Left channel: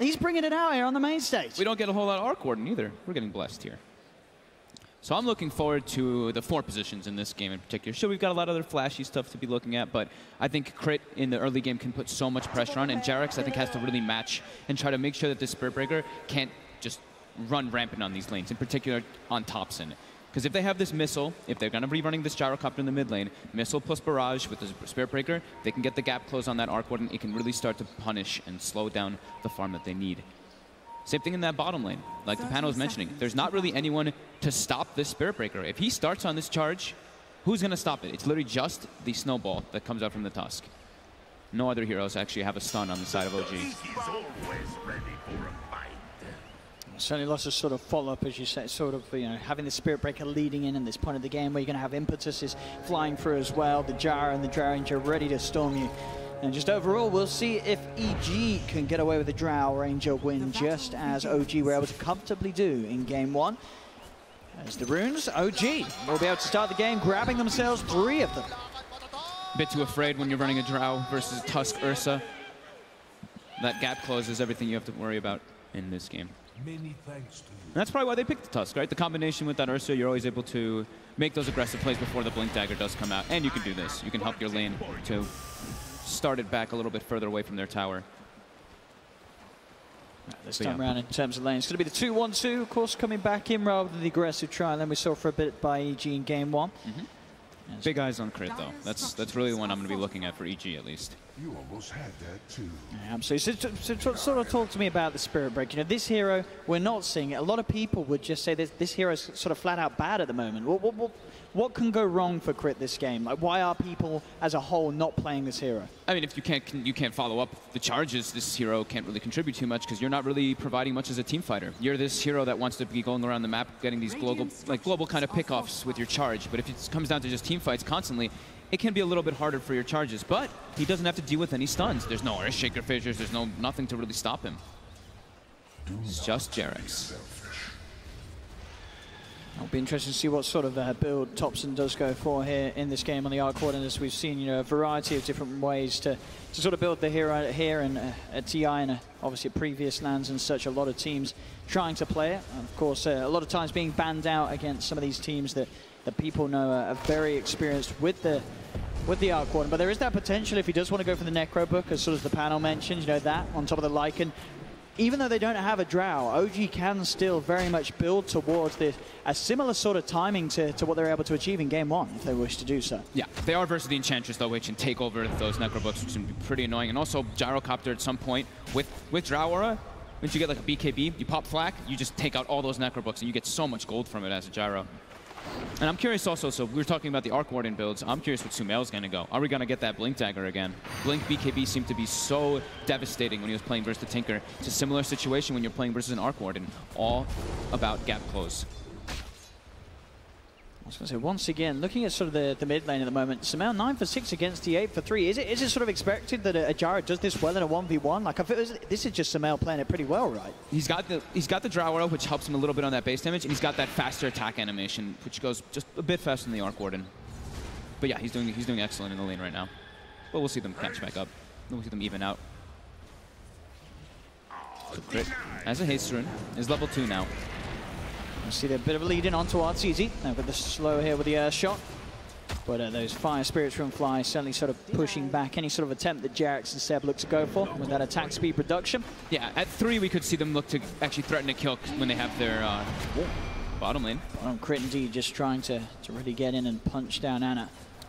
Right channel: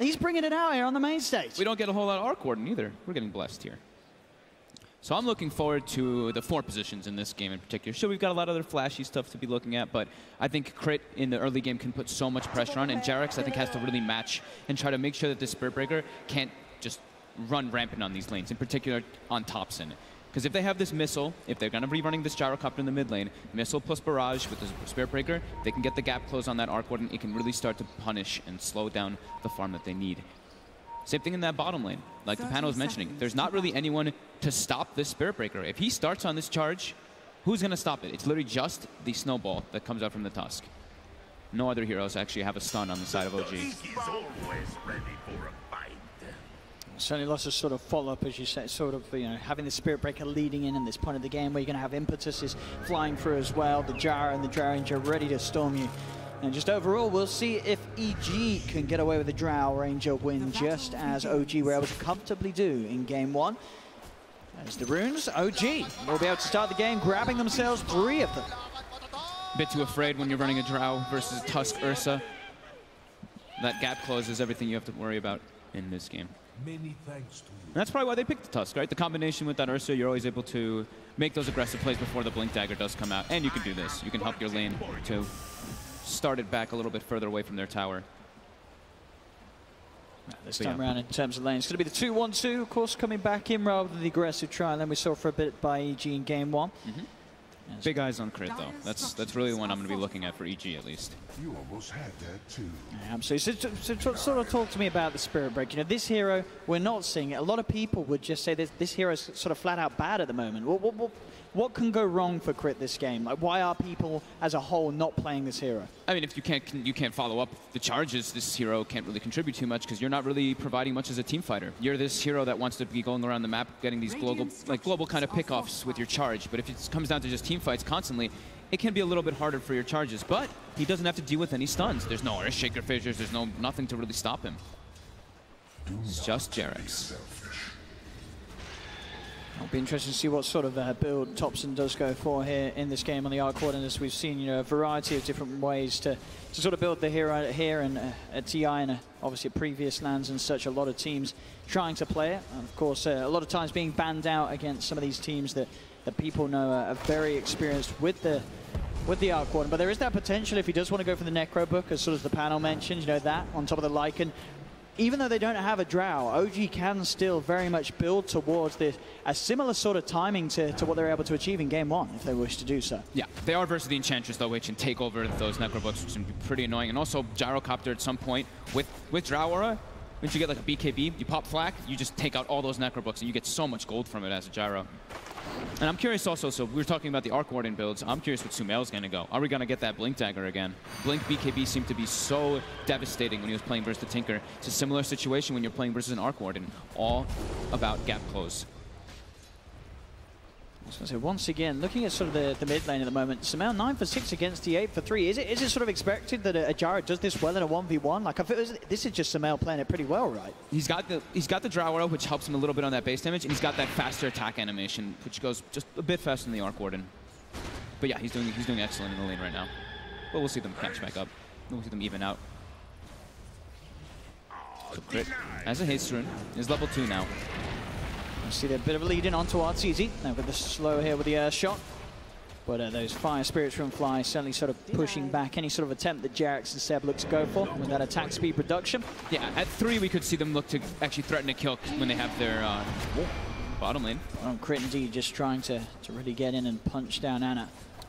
He's bringing it out here on the main stage. We don't get a whole lot of arc warden either. We're getting blessed here. So I'm looking forward to the 4 positions in this game in particular. Sure, we've got a lot of other flashy stuff to be looking at, but I think Crit in the early game can put so much pressure on, and Jarex, I think, has to really match and try to make sure that this Spirit Breaker can't just run rampant on these lanes, in particular on Thompson. Because if they have this missile, if they're going to be running this Gyrocopter in the mid lane, missile plus barrage with the Spirit Breaker, they can get the gap closed on that Arc Warden. It can really start to punish and slow down the farm that they need. Same thing in that bottom lane. Like the panel was mentioning, there's not really anyone to stop this Spirit Breaker. If he starts on this charge, who's going to stop it? It's literally just the snowball that comes out from the Tusk. No other heroes actually have a stun on the side of OG. Certainly lots of sort of follow-up, as you said, sort of, you know, having the Spirit Breaker leading in this point of the game where you're going to have Impetuses flying through as well, the Jar and the Jar Ranger ready to storm you. And just overall, we'll see if EG can get away with the Drow Ranger win, just as OG were able to comfortably do in Game 1. As the runes, OG will be able to start the game, grabbing themselves 3 of them. A bit too afraid when you're running a Drow versus Tusk Ursa. That gap close is everything you have to worry about in this game. Many thanks to you. And that's probably why they picked the Tusk, right? The combination with that Ursa, you're always able to make those aggressive plays before the Blink Dagger does come out. And you can do this. You can help your lane to start it back a little bit further away from their tower. This time around in terms of lane, it's going to be the 2-1-2, of course, coming back in rather than the aggressive trial lane we saw for a bit by EG in Game 1. Big eyes on Crit, though. That's really the one I'm going to be looking at for EG, at least. You almost had that too. Yeah, absolutely. So sort of talk to me about the Spirit Break. You know, this hero, we're not seeing it. A lot of people would just say this hero is sort of flat out bad at the moment. What can go wrong for Crit this game? Like, why are people as a whole not playing this hero? I mean, if you can't follow up the charges, this hero can't really contribute too much because you're not really providing much as a team fighter. You're this hero that wants to be going around the map, getting these global kind of pickoffs with your charge. But if it comes down to just team fights constantly, it can be a little bit harder for your charges. But he doesn't have to deal with any stuns. There's no Earthshaker fissures. There's nothing to really stop him. It's just Jarex. It'll be interesting to see what sort of build Thompson does go for here in this game on the Arc Warden, as we've seen, you know, a variety of different ways to sort of build the hero here and at TI and obviously previous lands and such. A lot of teams trying to play it, and of course a lot of times being banned out against some of these teams that people know are very experienced with the Arc Warden. But there is that potential if he does want to go for the Necro Book, as sort of the panel mentioned, you know, that on top of the Lycan. Even though they don't have a Drow, OG can still very much build towards a similar sort of timing to what they were able to achieve in Game 1, if they wish to do so. Yeah, they are versus the Enchantress, though, which can take over those Necrobooks, which can be pretty annoying. And also, Gyrocopter at some point, with Drow Aura, once you get like a BKB, you pop Flak, you just take out all those Necrobooks, and you get so much gold from it as a Gyro. And I'm curious also, so we were talking about the Arc Warden builds, I'm curious what Sumail's going to go. Are we going to get that Blink Dagger again? Blink BKB seemed to be so devastating when he was playing versus the Tinker. It's a similar situation when you're playing versus an Arc Warden, all about gap close. I was going to say, once again, looking at sort of the mid lane at the moment, Sumail 9 for 6 against the 8 for 3. Is it sort of expected that a Gyro does this well in a 1v1? Like, I feel this is just Sumail playing it pretty well, right? He's got the Drow Arrow, which helps him a little bit on that base damage, and he's got that faster attack animation, which goes just a bit faster than the Arc Warden. But yeah, he's doing excellent in the lane right now. But we'll see them catch back up. We'll see them even out. Crit as a haste rune is level 2 now. You see they're a bit of a lead in onto Arteezy. They've got the slow here with the air shot. But those Fire Spirits from Fly certainly sort of pushing back any sort of attempt that Jarex and Seb look to go for with that attack speed reduction. Yeah, at 3 we could see them look to actually threaten to kill when they have their bottom lane. Crit indeed just trying to really get in and punch down Ana.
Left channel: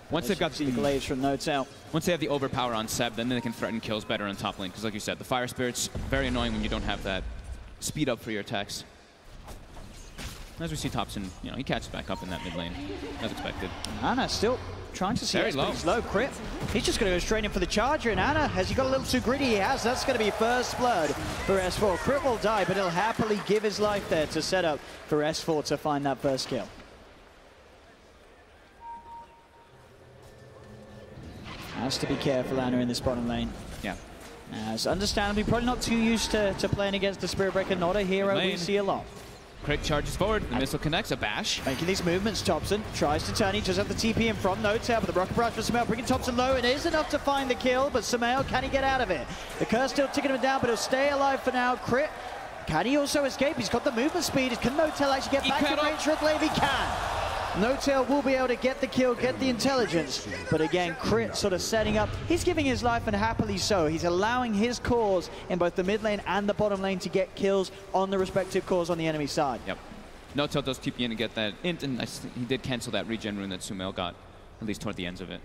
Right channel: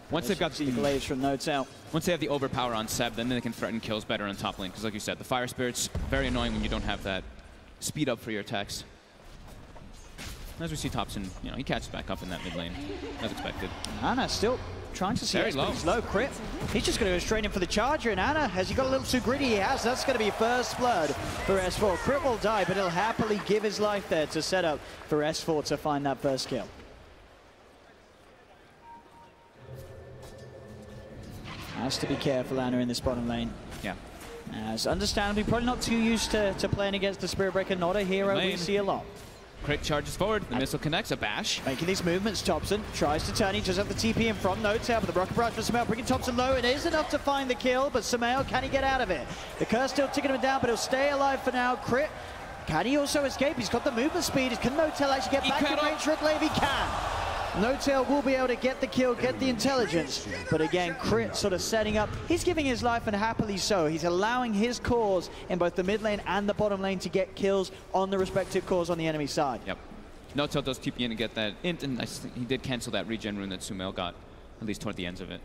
Once they've got the glaives from Notes out. Once they have the overpower on Seb, then they can threaten kills better on top lane. Because like you said, the Fire Spirits, very annoying when you don't have that speed up for your attacks. As we see Thompson, you know, he catches back up in that mid lane, as expected. Ana still trying to see it. It's low Crit. He's just going to go straight in for the charger, and Ana, has he got a little too greedy? He has. That's going to be first blood for S4. Crit will die, but he'll happily give his life there to set up for S4 to find that first kill. Has to be careful, Ana, in this bottom lane. Yeah. As understandably, probably not too used to playing against the Spirit Breaker, not a hero we see a lot. Crit charges forward. The missile connects. A bash. Making these movements, Thompson tries to turn. He does have the TP in from No-Tail, but the rocket barrage from Samael bringing Thompson low. It is enough to find the kill, but Samael, can he get out of it? The curse still ticking him down, but he'll stay alive for now. Crit, can he also escape? He's got the movement speed. Can No-Tail actually get back to range? Triple if he can. No-Tail will be able to get the kill, get the intelligence, but again, Crit sort of setting up. He's giving his life, and happily so. He's allowing his cores in both the mid lane and the bottom lane to get kills on the respective cores on the enemy side. Yep. No-Tail does TP in and get that int, and he did cancel that regen rune that Samael got, at least toward the ends of it.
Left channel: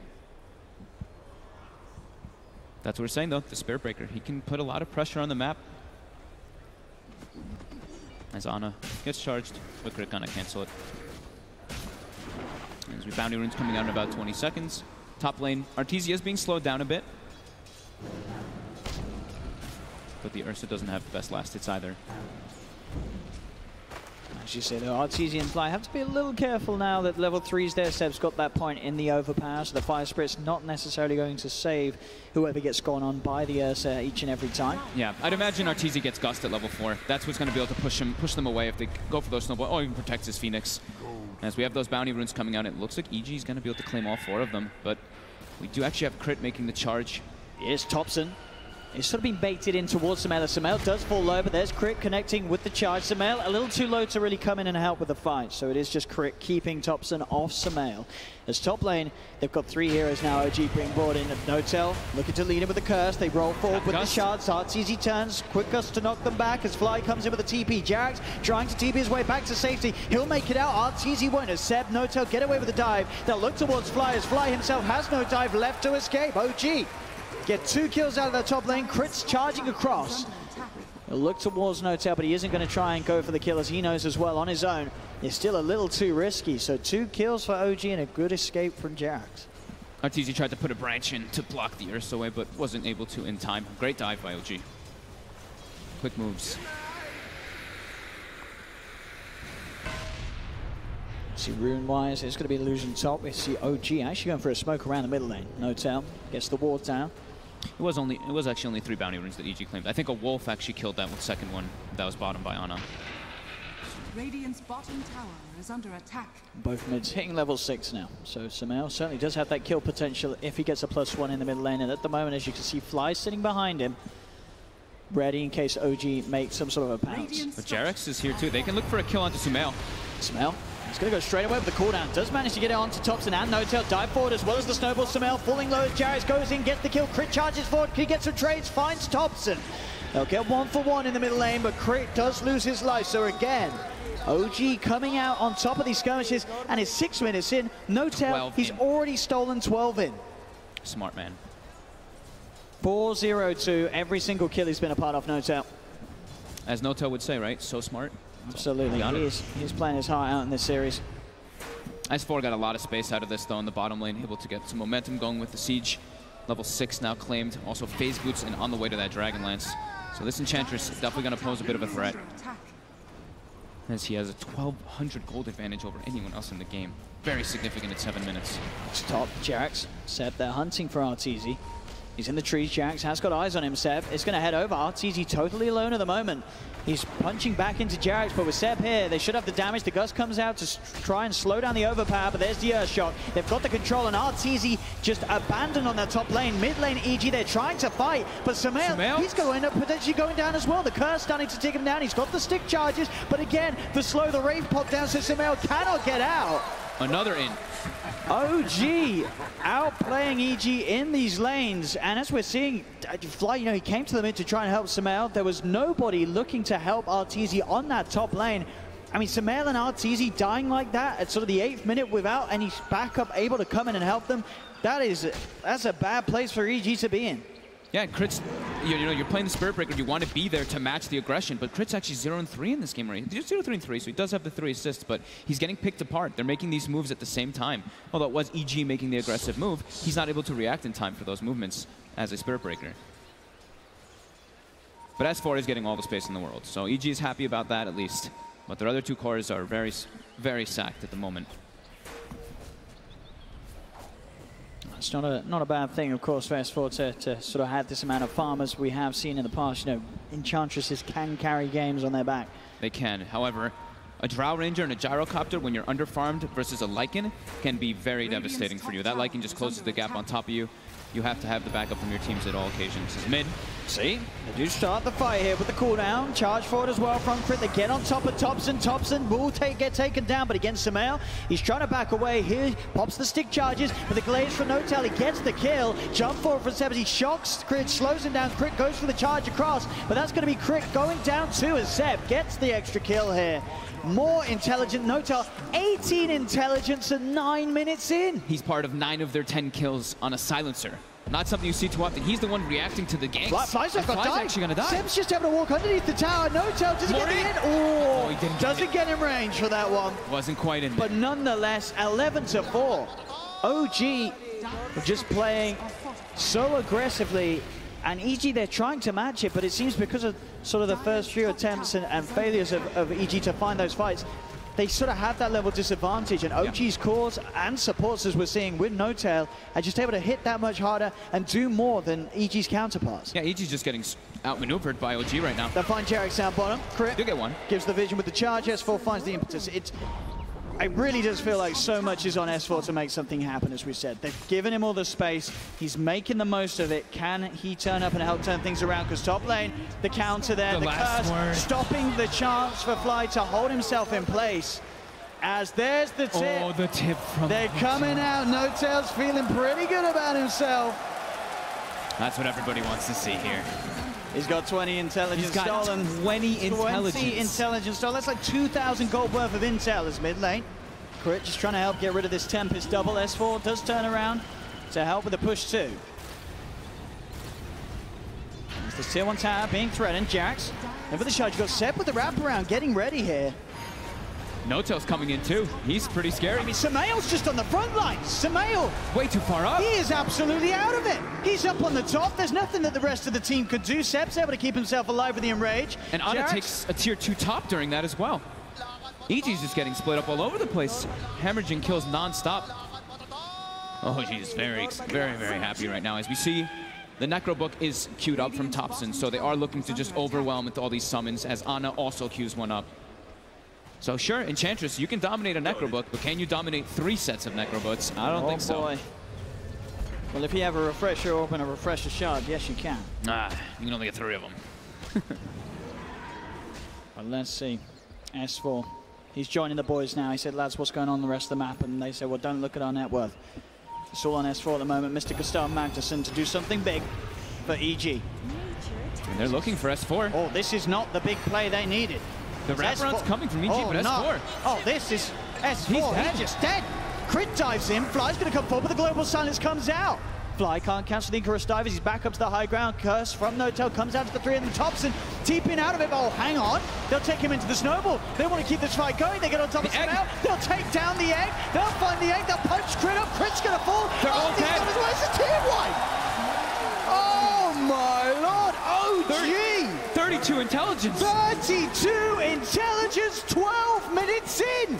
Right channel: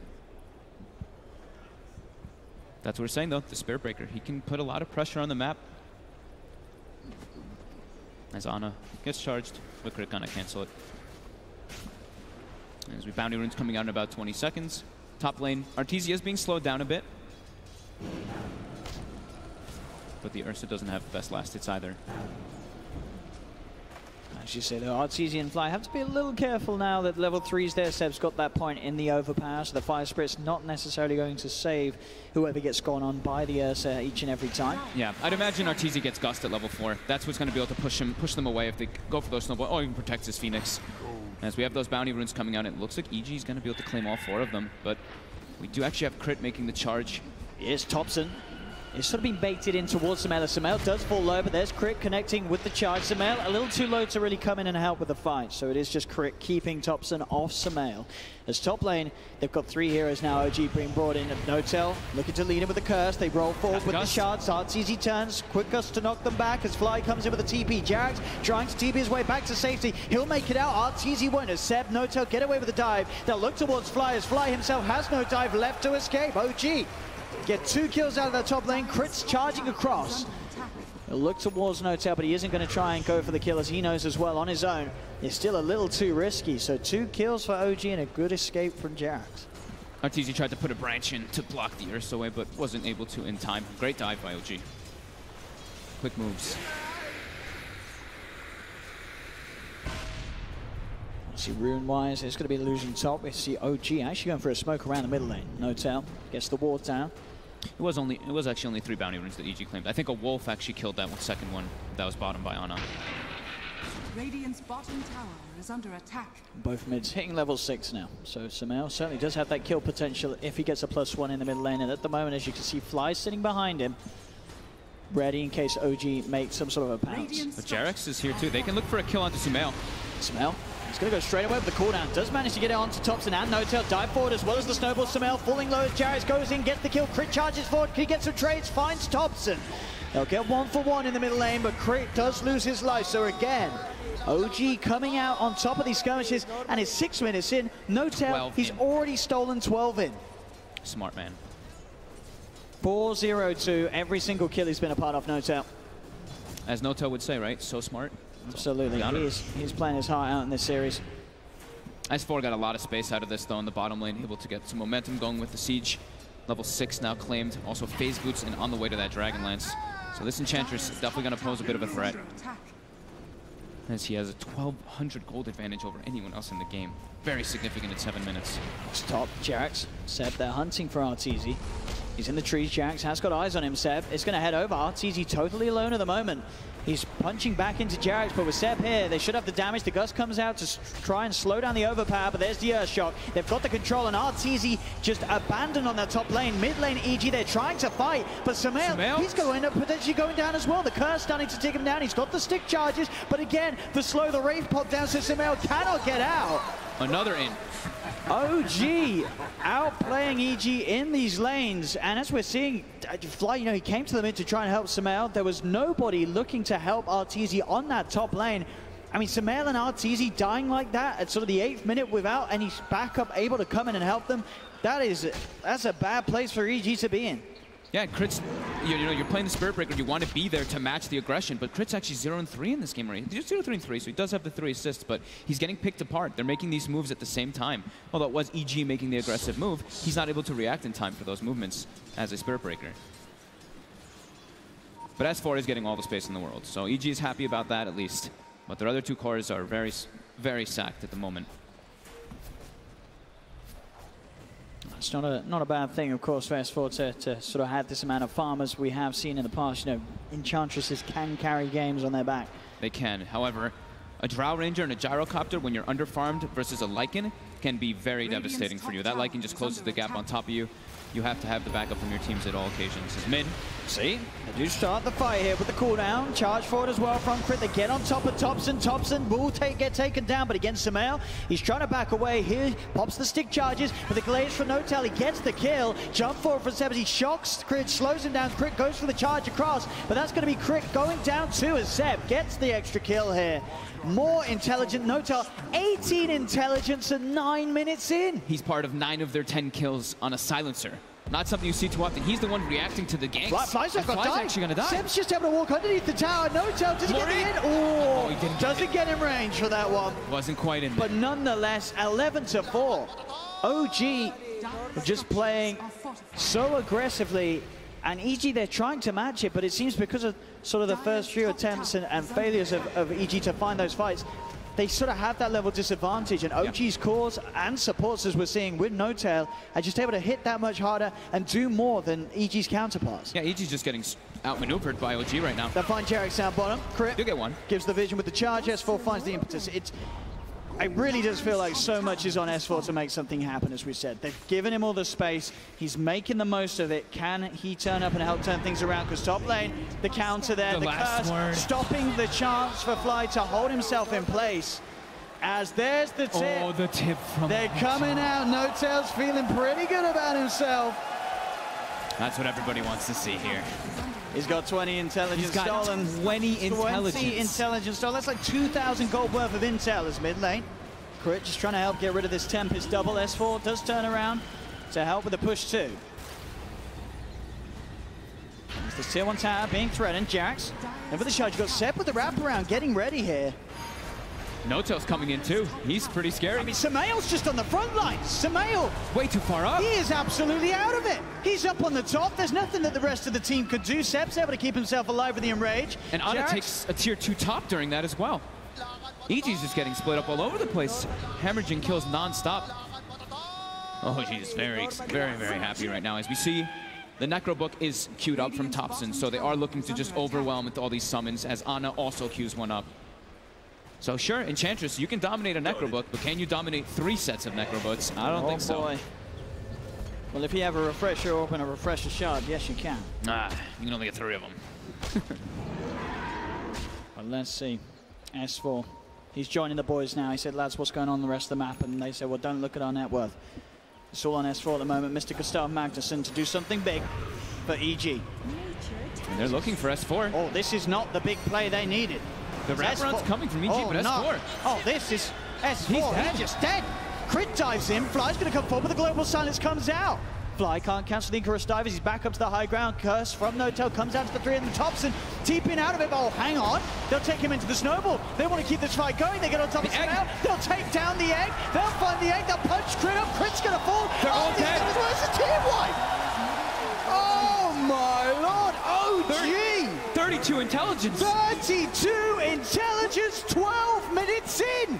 That's what we're saying, though. The Spirit Breaker, he can put a lot of pressure on the map. As Ana gets charged, but Crit gonna cancel it. As we bounty runes coming out in about 20 seconds. Top lane, Arteezy is being slowed down a bit. But the Ursa doesn't have the best last hits either. As you say, the Arteezy and Fly have to be a little careful now that level 3's there. Seb's got that point in the overpower, so the Fire Spirit's not necessarily going to save whoever gets gone on by the Ursa each and every time. Yeah, I'd imagine Arteezy gets Gust at level 4. That's what's going to be able to push them away if they go for those snowballs, or even protects his Phoenix. As we have those bounty runes coming out, it looks like EG is going to be able to claim all 4 of them, but we do actually have Crit making the charge. Here's Thompson. It's sort of been baited in towards Samael. Samael does fall low, but there's Crit connecting with the charge. Samael a little too low to really come in and help with the fight, so it is just Crit keeping Thompson off Samael. As top lane, they've got 3 heroes now. OG being brought in. No-Tail looking to lead him with the curse. They roll forward with the shards. Arteezy turns. Quick Gust to knock them back as Fly comes in with a TP. Jax trying to TP his way back to safety. He'll make it out. Arteezy won't. As Seb, No-Tail get away with the dive. They'll look towards Fly as Fly himself has no dive left to escape. OG get 2 kills out of their top lane. Crit's charging across. He'll look towards No-Tail, but he isn't going to try and go for the kill, as he knows as well on his own. It's still a little too risky. So 2 kills for OG and a good escape from Jax. Arteezy tried to put a branch in to block the Ursa away, but wasn't able to in time. Great dive by OG. Quick moves. See, rune-wise, it's going to be losing top. We see OG actually going for a smoke around the middle lane. No-Tail gets the ward down. It was actually only 3 bounty runes that EG claimed. I think a wolf actually killed that second one that was bottom by Ana. Radiant's bottom tower is under attack. Both mids hitting level 6 now. So Samael certainly does have that kill potential if he gets a +1 in the mid lane. And at the moment, as you can see, Fly sitting behind him, ready in case OG makes some sort of a pounce. But Jarex is here too. They can look for a kill onto Samael. Samael, he's going to go straight away with the cooldown. Does manage to get it onto Thompson and No-Tail. Dive forward as well as the snowball. Samael falling low as Jarex goes in, gets the kill. Crit charges forward. He gets some trades, finds Thompson. They'll get 1 for 1 in the middle lane, but Crit does lose his life. So again, OG coming out on top of these skirmishes, and it's 6 minutes in. No-Tail, he's already stolen 12 in. Smart man. 4-0-2. Every single kill he's been a part of, No-Tail. As No-Tail would say, right? So smart. Absolutely. He's playing his heart out in this series. S4 got a lot of space out of this, though, in the bottom lane. Able to get some momentum going with the siege. Level 6 now claimed. Also phase boots and on the way to that Dragonlance. So this Enchantress is definitely going to pose a bit of a threat, as he has a 1,200 gold advantage over anyone else in the game. Very significant at 7 minutes. Top, Jax. Seb, they're hunting for Arteezy. He's in the trees. Jax has got eyes on him. Seb is going to head over. Arteezy totally alone at the moment. He's punching back into Jax, but with Seb here, they should have the damage. The Gust comes out to try and slow down the overpower, but there's the Earthshock. They've got the control, and Arteezy just abandoned on their top lane. Mid lane EG, they're trying to fight, but Samael, he's going to potentially going down as well. The Curse starting to take him down. He's got the stick charges, but again, to slow the Wraith Pod down, so Samael cannot get out. Another in. OG outplaying EG in these lanes, and as we're seeing, Fly, he came to the mid to try and help Samael. There was nobody looking to help Arteezy on that top lane. I mean, Samael and Arteezy dying like that at sort of the 8th minute without any backup able to come in and help them. That's a bad place for EG to be in. Yeah, Crit's, you're playing the Spirit Breaker, you want to be there to match the aggression, but Crit's actually 0-3 in this game already. He's 0-3-3, so he does have the 3 assists, but he's getting picked apart. They're making these moves at the same time. Although it was EG making the aggressive move, he's not able to react in time for those movements as a Spirit Breaker. But S4 is getting all the space in the world, so EG is happy about that at least. But their other 2 cores are very, very sacked at the moment. It's not a bad thing, of course, for S4 to sort of have this amount of farmers. We have seen in the past, Enchantresses can carry games on their back. They can. However, A Drow Ranger and a Gyrocopter, when you're underfarmed versus a Lycan, can be very devastating for you. That Lycan just closes the gap on top of you. You have to have the backup from your teams at all occasions. It's mid. See, they do start the fight here with the cooldown. Charge forward as well from Crit. They get on top of Thompson. Thompson will get taken down, but against Samael, he's trying to back away here. Pops the stick charges with the glaze for Notel. He gets the kill. Jump forward for Sebs. He shocks Crit, slows him down. Crit goes for the charge across, but that's going to be Crit going down too as Seb gets the extra kill here. More intelligent Notel, 18 intelligence and 9 minutes in. He's part of 9 of their 10 kills on a silencer. Not something you see too often. He's the one reacting to the ganks. Fly's actually going to die. Seb's just having to walk underneath the tower. Notel doesn't get in. Oh, he didn't doesn't get in range for that one. Wasn't quite in there. But nonetheless, 11-4. OG just playing so aggressively. And EG, they're trying to match it, but it seems because of sort of the first few attempts and failures of EG to find those fights, they sort of have that level disadvantage. And OG's cores and supports, as we're seeing with Notel, are just able to hit that much harder and do more than EG's counterparts. Yeah, EG's just getting outmaneuvered by OG right now. They find Jarek down bottom. Crit do get one. Gives the vision with the charge. S4 finds the impetus. It really does feel like so much is on S4 to make something happen, as we said. They've given him all the space. He's making the most of it. Can he turn up and help turn things around? Because top lane, the counter there, the curse, stopping the chance for Fly to hold himself in place. As there's the tip. Oh, the tip from They're coming out. Notel's feeling pretty good about himself. That's what everybody wants to see here. He's got 20 intelligence stolen. 20 intelligence. 20 intelligence stolen. That's like 2,000 gold worth of intel as mid lane. Crit just trying to help get rid of this Tempest double. S4 does turn around to help with the push too. There's this tier 1 tower being threatened. Jax. And for the charge, you've got Seb with the wraparound getting ready here. Notel's coming in too. He's pretty scary. I mean, Samael's just on the front line. Samael. Way too far up. He is absolutely out of it. He's up on the top. There's nothing that the rest of the team could do. Seb's able to keep himself alive with the enrage. And Ana takes a tier 2 top during that as well. EG's just getting split up all over the place. Hemorrhaging kills non-stop. Oh, she's very, very happy right now. As we see, the Necro Book is queued up from Thompson, so they are looking to just overwhelm with all these summons, as Ana also queues one up. So sure, Enchantress, you can dominate a Necrobook, but can you dominate 3 sets of Necrobooks? I don't think so. Boy. Well, if you have a Refresher Orb and a Refresher Shard, yes, you can. Ah, you can only get 3 of them. Well, let's see. S4. He's joining the boys now. He said, lads, what's going on the rest of the map? And they said, well, don't look at our net worth. It's all on S4 at the moment. Mr. Gustav Magnuson to do something big for EG. And they're looking for S4. Oh, this is not the big play they needed. The wraparound's coming from EG, but S4. No. Oh, this is S4. They're just dead. Crit dives in. Fly's going to come forward, but the Global Silence comes out. Fly can't cancel the Icarus dive as he's back up to the high ground. Curse from Notel comes out to the 3 and Thompson. TPing out of it. Oh, hang on. They'll take him into the snowball. They want to keep this fight going. They get on top of the egg. They'll take down the egg. They'll find the egg. That punch Crit up. Crit's going to fall. They're all dead. Where's the team wipe? Oh, my Lord. OG. 32 intelligence. 32 intelligence, 12 minutes in.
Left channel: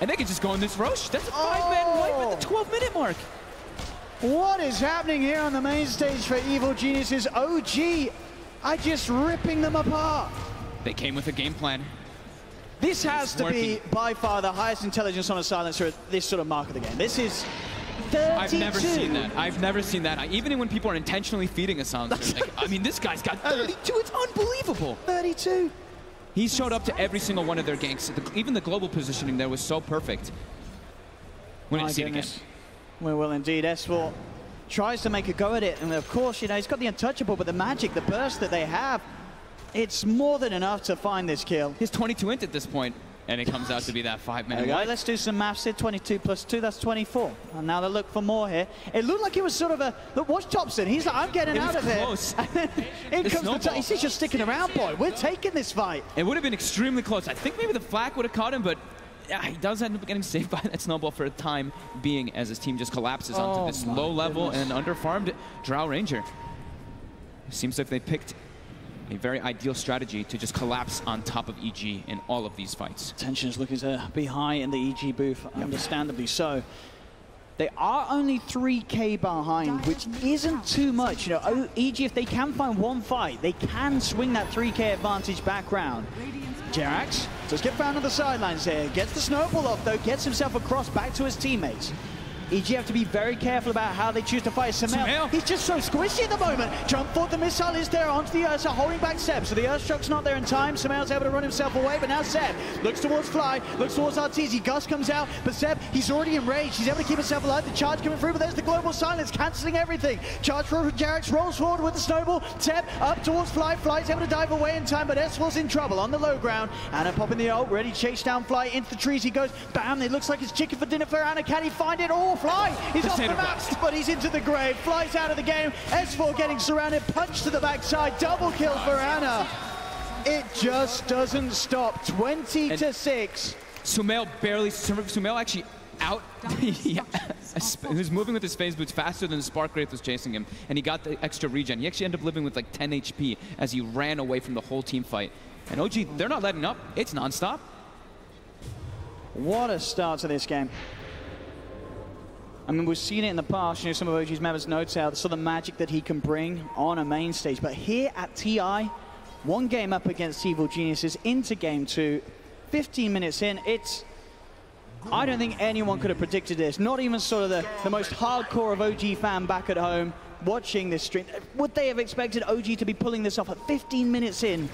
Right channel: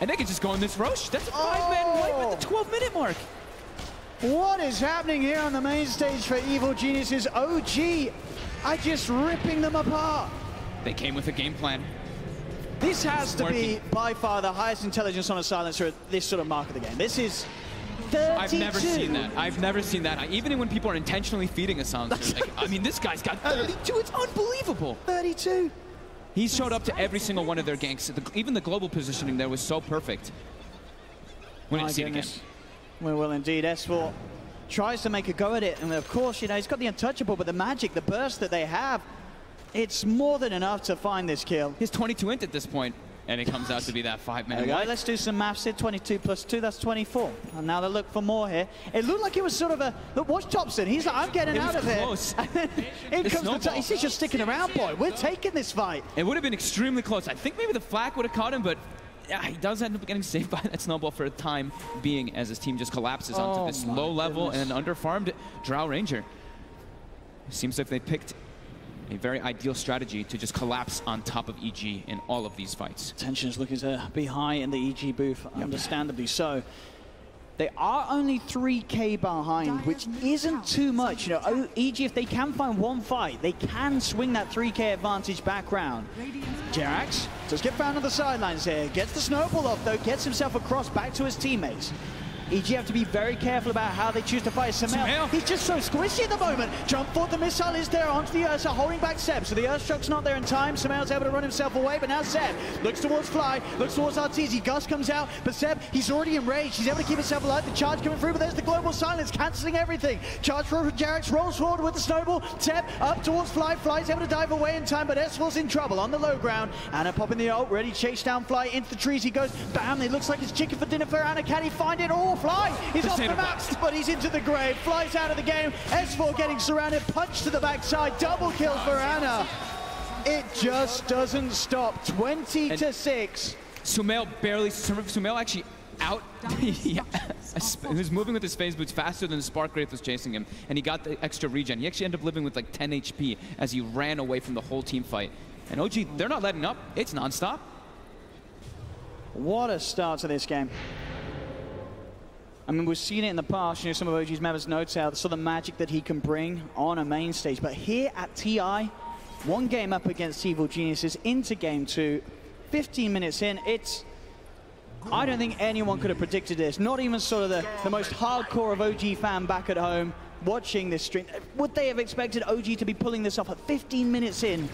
And they can just go in this Roche. That's a 5-man wipe at the 12-minute mark. What is happening here on the main stage for Evil Geniuses? OG are just ripping them apart. They came with a game plan. This has to be by far the highest intelligence on a silencer at this sort of mark of the game. This is 32. I've never seen that. I've never seen that. Even when people are intentionally feeding a silencer. Like, I mean, this guy's got 32. It's unbelievable. 32. He showed up to every single one of their ganks. Even the global positioning there was so perfect. We didn't see it again. We will indeed. S4 tries to make a go at it, and of course, you know, he's got the untouchable, but the magic, the burst that they have, it's more than enough to find this kill. He's 22 int at this point, and it comes out to be that 5-man wipe. Let's do some maths here. 22 plus 2, that's 24. And now they look for more here. It looked like it was sort of a... Look, watch Thompson. He's like, I'm getting out of close. here. And then in comes the... He's just sticking around, boy. We're taking this fight. It would have been extremely close. I think maybe the flak would have caught him, but... Yeah, he does end up getting saved by that snowball for a time being as his team just collapses onto this low level and underfarmed Drow Ranger. It seems like they picked a very ideal strategy to just collapse on top of EG in all of these fights. Tension's looking to be high in the EG booth, understandably so. They are only 3K behind, which isn't too much. You know, EG, if they can find one fight, they can swing that 3K advantage back round. Jerax just get found on the sidelines here. Gets the snowball off, though. Gets himself across back to his teammates. EG have to be very careful about how they choose to fight Samel. He's just so squishy at the moment. Jump forward, the missile is there onto the Ursa, holding back Seb. So the Earthshock's not there in time. Samel's able to run himself away, but now Seb looks towards Fly, looks towards Arteezy. Gus comes out, but Seb, he's already enraged. He's able to keep himself alive. The charge coming through, but there's the global silence, cancelling everything. Charge for Jerax, rolls forward with the snowball. Seb up towards Fly. Fly's able to dive away in time, but S4's in trouble on the low ground. Anna popping the ult, ready to chase down Fly into the trees. He goes, bam, it looks like it's chicken for dinner for Anna. Can he find it? Oh, Fly! He's off the max, but he's into the grave. Flies out of the game. S4 getting surrounded. Punch to the backside. Double kill for Anna. It just doesn't stop. 20-6. Sumail actually out. He was moving with his phase boots faster than the Spark Wraith was chasing him, and he got the extra regen. He actually ended up living with like 10 HP as he ran away from the whole team fight. And OG, they're not letting up. It's non-stop. What a start to this game. I mean, we've seen it in the past, you know, some of OG's members notes out the sort of magic that he can bring on a main stage. But here at TI, one game up against Evil Geniuses into game 2, 15 minutes in, I don't think anyone could have predicted this. Not even sort of the most hardcore of OG fan back at home watching this stream. Would they have expected OG to be pulling this off at 15 minutes in,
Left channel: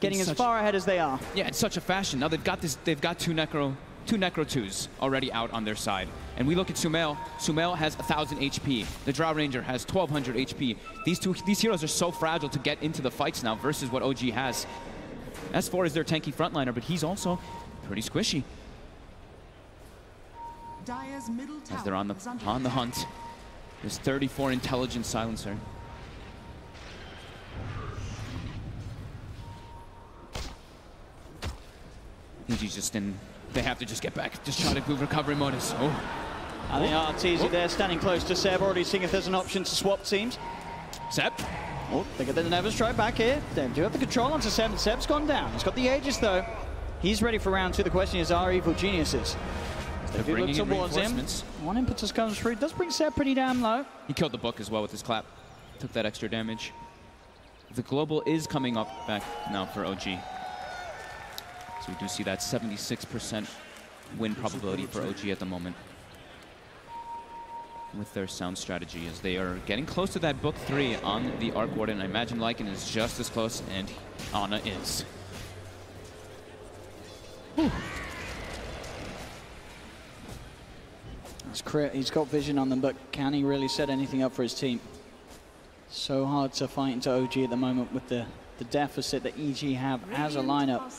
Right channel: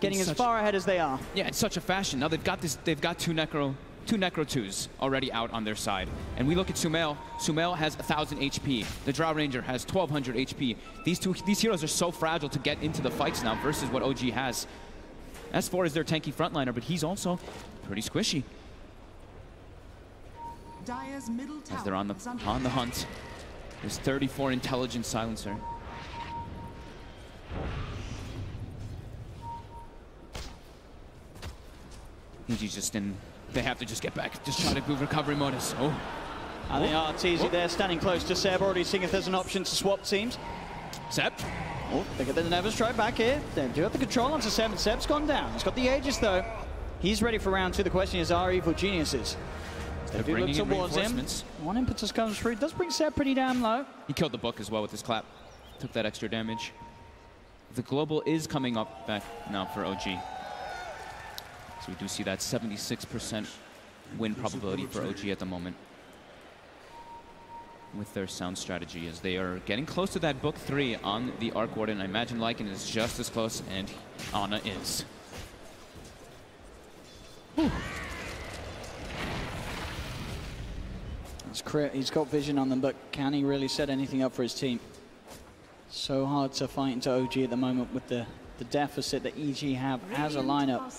getting as far ahead as they are? Yeah, in such a fashion. Now they've got two Necro 2s already out on their side. And we look at Sumail. Sumail has 1,000 HP. The Drow Ranger has 1,200 HP. These heroes are so fragile to get into the fights now versus what OG has. S4 is their tanky frontliner, but he's also pretty squishy. As they're on the hunt. There's 34 intelligence silencer. EG's just in. They have to just get back, just try to move recovery modus. Oh. And the Arteezy there standing close to Seb, already seeing if there's an option to swap teams. Seb. Oh, they got the Never Strike back here. They do have the control onto Seb, and Seb's gone down. He's got the Aegis though. He's ready for round 2. The question is, are Evil Geniuses? They do look towards him. One impetus comes through. Does bring Seb pretty damn low. He killed the book as well with his clap. Took that extra damage. The global is coming up back now for OG. So we do see that 76% win probability for OG at the moment with their sound strategy, as they are getting close to that book 3 on the Arc Warden. I imagine Lycan is just as close, and Ana is. Whew. He's got vision on them, but can he really set anything up for his team? So hard to fight into OG at the moment with the deficit that EG have as a lineup.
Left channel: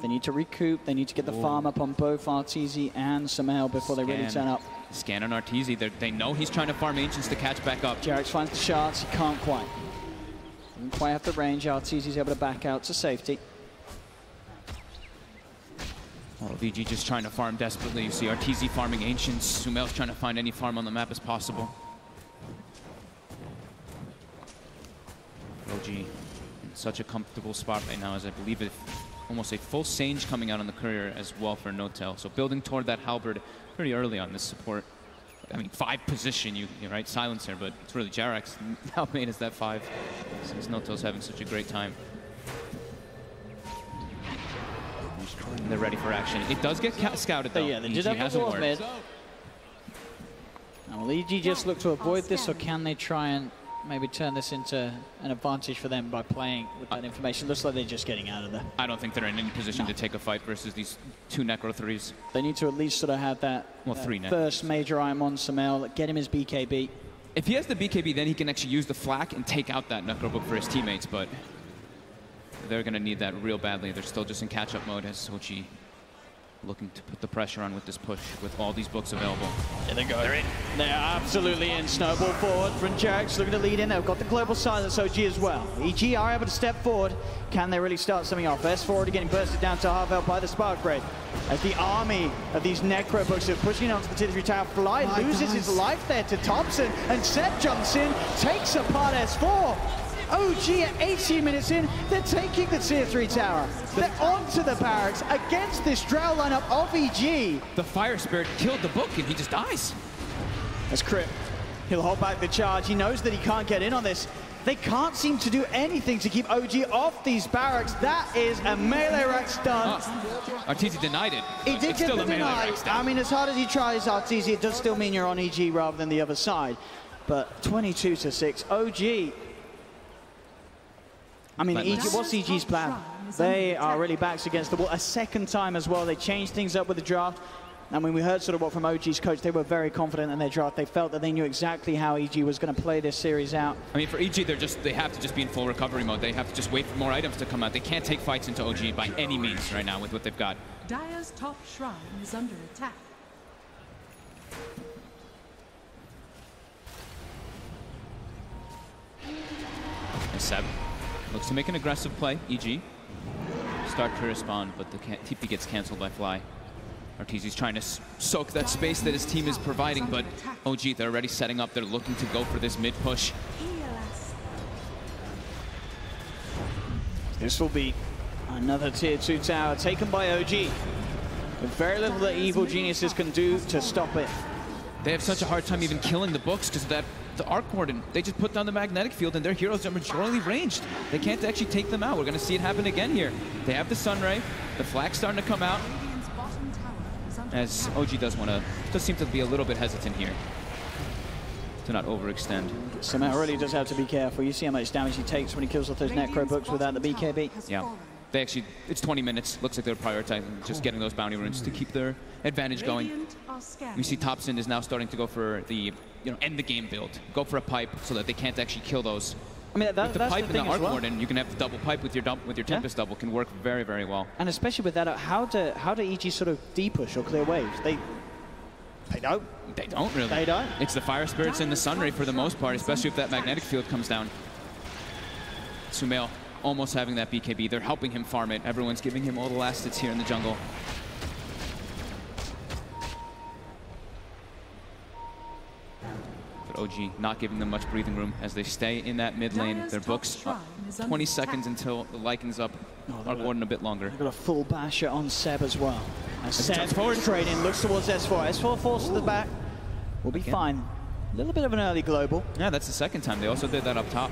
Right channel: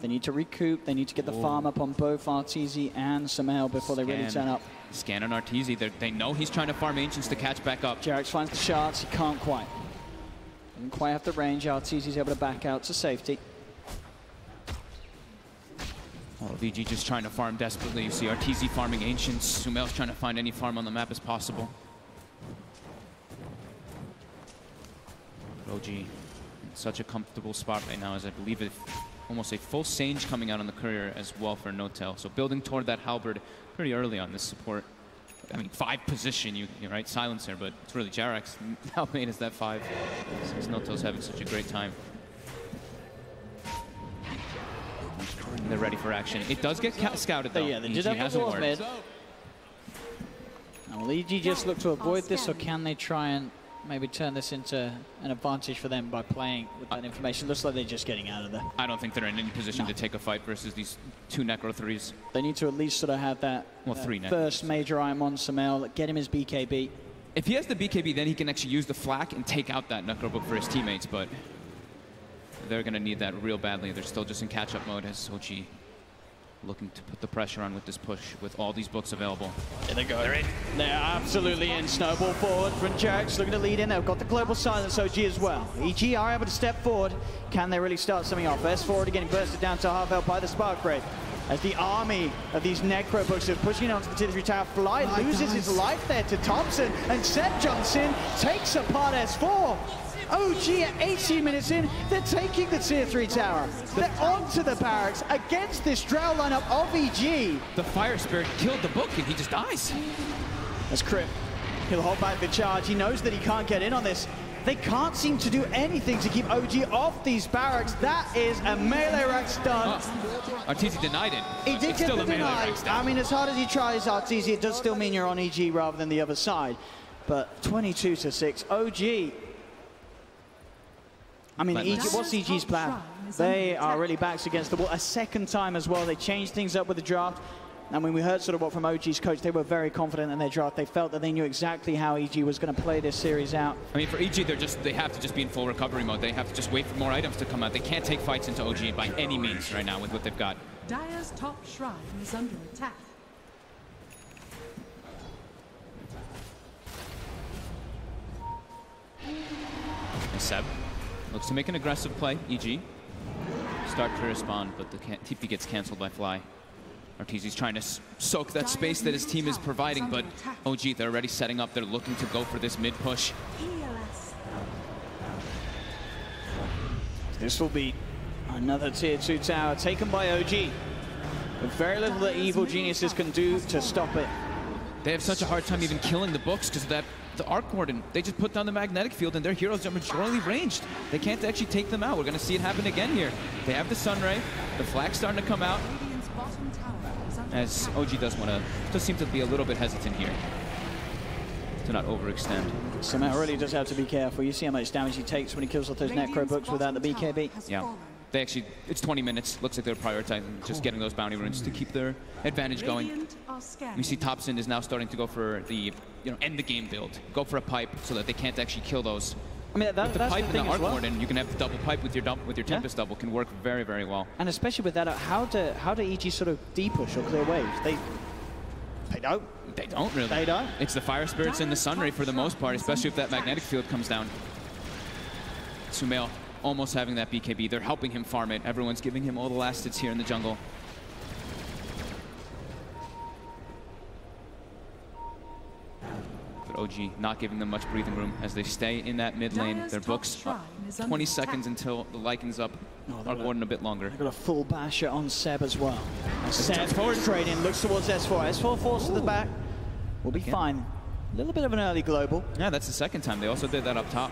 They need to recoup. They need to get the farm up on both Arteezy and Sumail before they really turn up. Scan on Arteezy. They know he's trying to farm Ancients to catch back up. Jerax finds the shards. He can't quite. Didn't quite have the range. Arteezy's able to back out to safety. Oh, VG just trying to farm desperately. You see Arteezy farming Ancients. Sumail's trying to find any farm on the map as possible. OG in such a comfortable spot right now, as I believe it's almost a full Sage coming out on the courier as well for No-Tail. So building toward that halberd pretty early on this support. I mean, 5 position, you're right, silencer, but it's really Jerax now made us that 5. Since No-Tail's having such a great time. And they're ready for action. It does get scouted though. Yeah, they did have a ward mid. Now, will EG just look to avoid this, or can they try and maybe turn this into an advantage for them by playing with that information? Looks like they're just getting out of there. I don't think they're in any position to take a fight versus these 2 Necro 3s. They need to at least sort of have that 3 first major item on Sumail, get him his BKB. If he has the BKB, then he can actually use the flak and take out that Necro book for his teammates, but they're going to need that real badly. They're still just in catch-up mode as OG looking to put the pressure on with this push with all these books available. There they go. They're in. They're absolutely in. Snowball forward from Jerax, looking to lead in. They've got the global silence OG as well. EG are able to step forward. Can they really start something off? S4 already getting bursted down to half health by the Spark Wraith. As the army of these Necro books are pushing onto the Tier 3 tower, Fly loses his life there to Thompson, and Seb jumps in, takes apart S4. OG at 18 minutes in, they're taking the Tier 3 tower. They're onto the barracks against this Drow lineup of EG. The Fire Spirit killed the book and he just dies. As Crit, he'll hold back the charge. He knows that he can't get in on this. They can't seem to do anything to keep OG off these barracks. That is a melee rack stun. Arteezy denied it. He did it's get still the a melee deny. rack stun. I mean, as hard as he tries, Arteezy, it does still mean you're on EG rather than the other side. But 22-6, OG. I mean, EG, what's EG's plan? They are really backs against the wall. A second time as well. They changed things up with the draft. And when we heard sort of what from OG's coach, they were very confident in their draft. They felt that they knew exactly how EG was going to play this series out. I mean, for EG, they have to just be in full recovery mode. They have to just wait for more items to come out. They can't take fights into OG by any means right now with what they've got. Dire's top shrine is under attack. And Seb looks to make an aggressive play. EG start to respond, but the TP gets canceled by Fly. Arteezy's trying to soak that space that his team is providing, but OG, they're already setting up. They're looking to go for this mid push. This will be another tier 2 tower taken by OG. With very little that Evil Geniuses can do to stop it. They have such a hard time even killing the books because of that. The Arc Warden, they just put down the magnetic field and their heroes are majorly ranged. They can't actually take them out. We're going to see it happen again here. They have the Sunray. The flag's starting to come out. As OG does seem to be a little bit hesitant here to not overextend. Somehow really does have to be careful. You see how much damage he takes when he kills off those Necro books without the BKB. Yeah. They actually, it's 20 minutes. Looks like they're prioritizing just getting those bounty runes to keep their advantage going. You see Topson is now starting to go for the, end the game build. Go for a pipe so that they can't actually kill those. I mean, with the pipe and the Arc Warden, you can have the double pipe with your Tempest double. Can work very, very well. And especially with that, how do EG sort of de-push or clear waves? They don't. They don't really. They don't. It's the Fire Spirits and the Sunray for the most part, especially if that magnetic field comes down. Sumail almost having that BKB. They're helping him farm it. Everyone's giving him all the last hits here in the jungle. OG not giving them much breathing room as they stay in that mid lane. Their books 20 seconds until the Liking's up. Arc Warden a bit longer. They've got a full basher on Seb as well. Now Seb forward trading, looks towards S4. S4 falls to the back. We'll be fine. A little bit of an early global. Yeah, that's the second time. They also did that up top.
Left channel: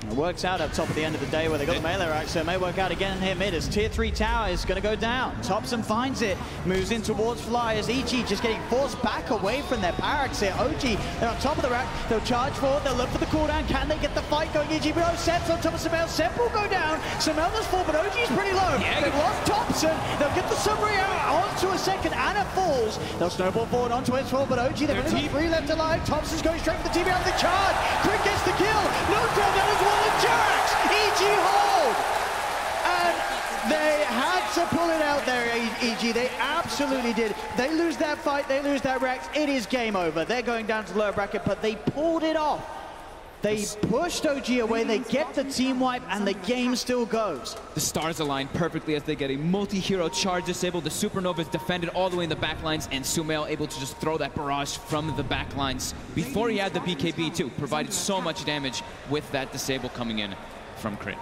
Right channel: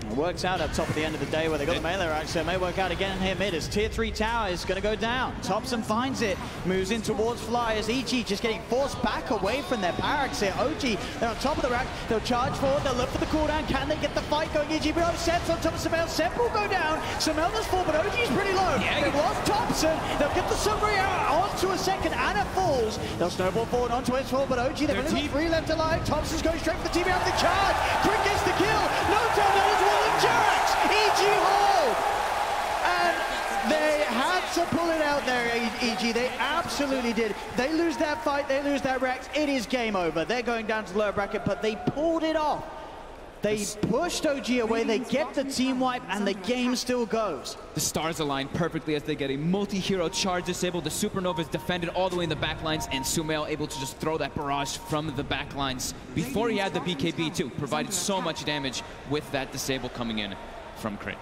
It works out up top at the end of the day where they got the melee rack, so it may work out again here mid as tier 3 tower is going to go down. Topson finds it, moves in towards Fly as EG just getting forced back away from their barracks here. OG, they're on top of the rack, they'll charge forward, they'll look for the cooldown. Can they get the fight going? EG below, Seb's on top of Sumail. Seb will go down. Sumail's full, but OG's pretty low. Yeah, they've lost Topson, they'll get the Sunray out onto a second and it falls. They'll snowball forward onto S4, but OG, they've only got 3 left alive. Topson's going straight for the TB on the charge. Quick gets the kill. No damage as well as Jax. EG hold! And they had to pull it out there, EG. They absolutely did. They lose that fight, they lose that Rex. It is game over. They're going down to the lower bracket, but they pulled it off. They pushed OG away, they get the team wipe, and the game still goes. The stars align perfectly as they get a multi-hero charge disabled. The Supernova is defended all the way in the backlines, and Sumail able to just throw that barrage from the backlines before he had the BKB too. Provided so much damage with that disable coming in from Crit.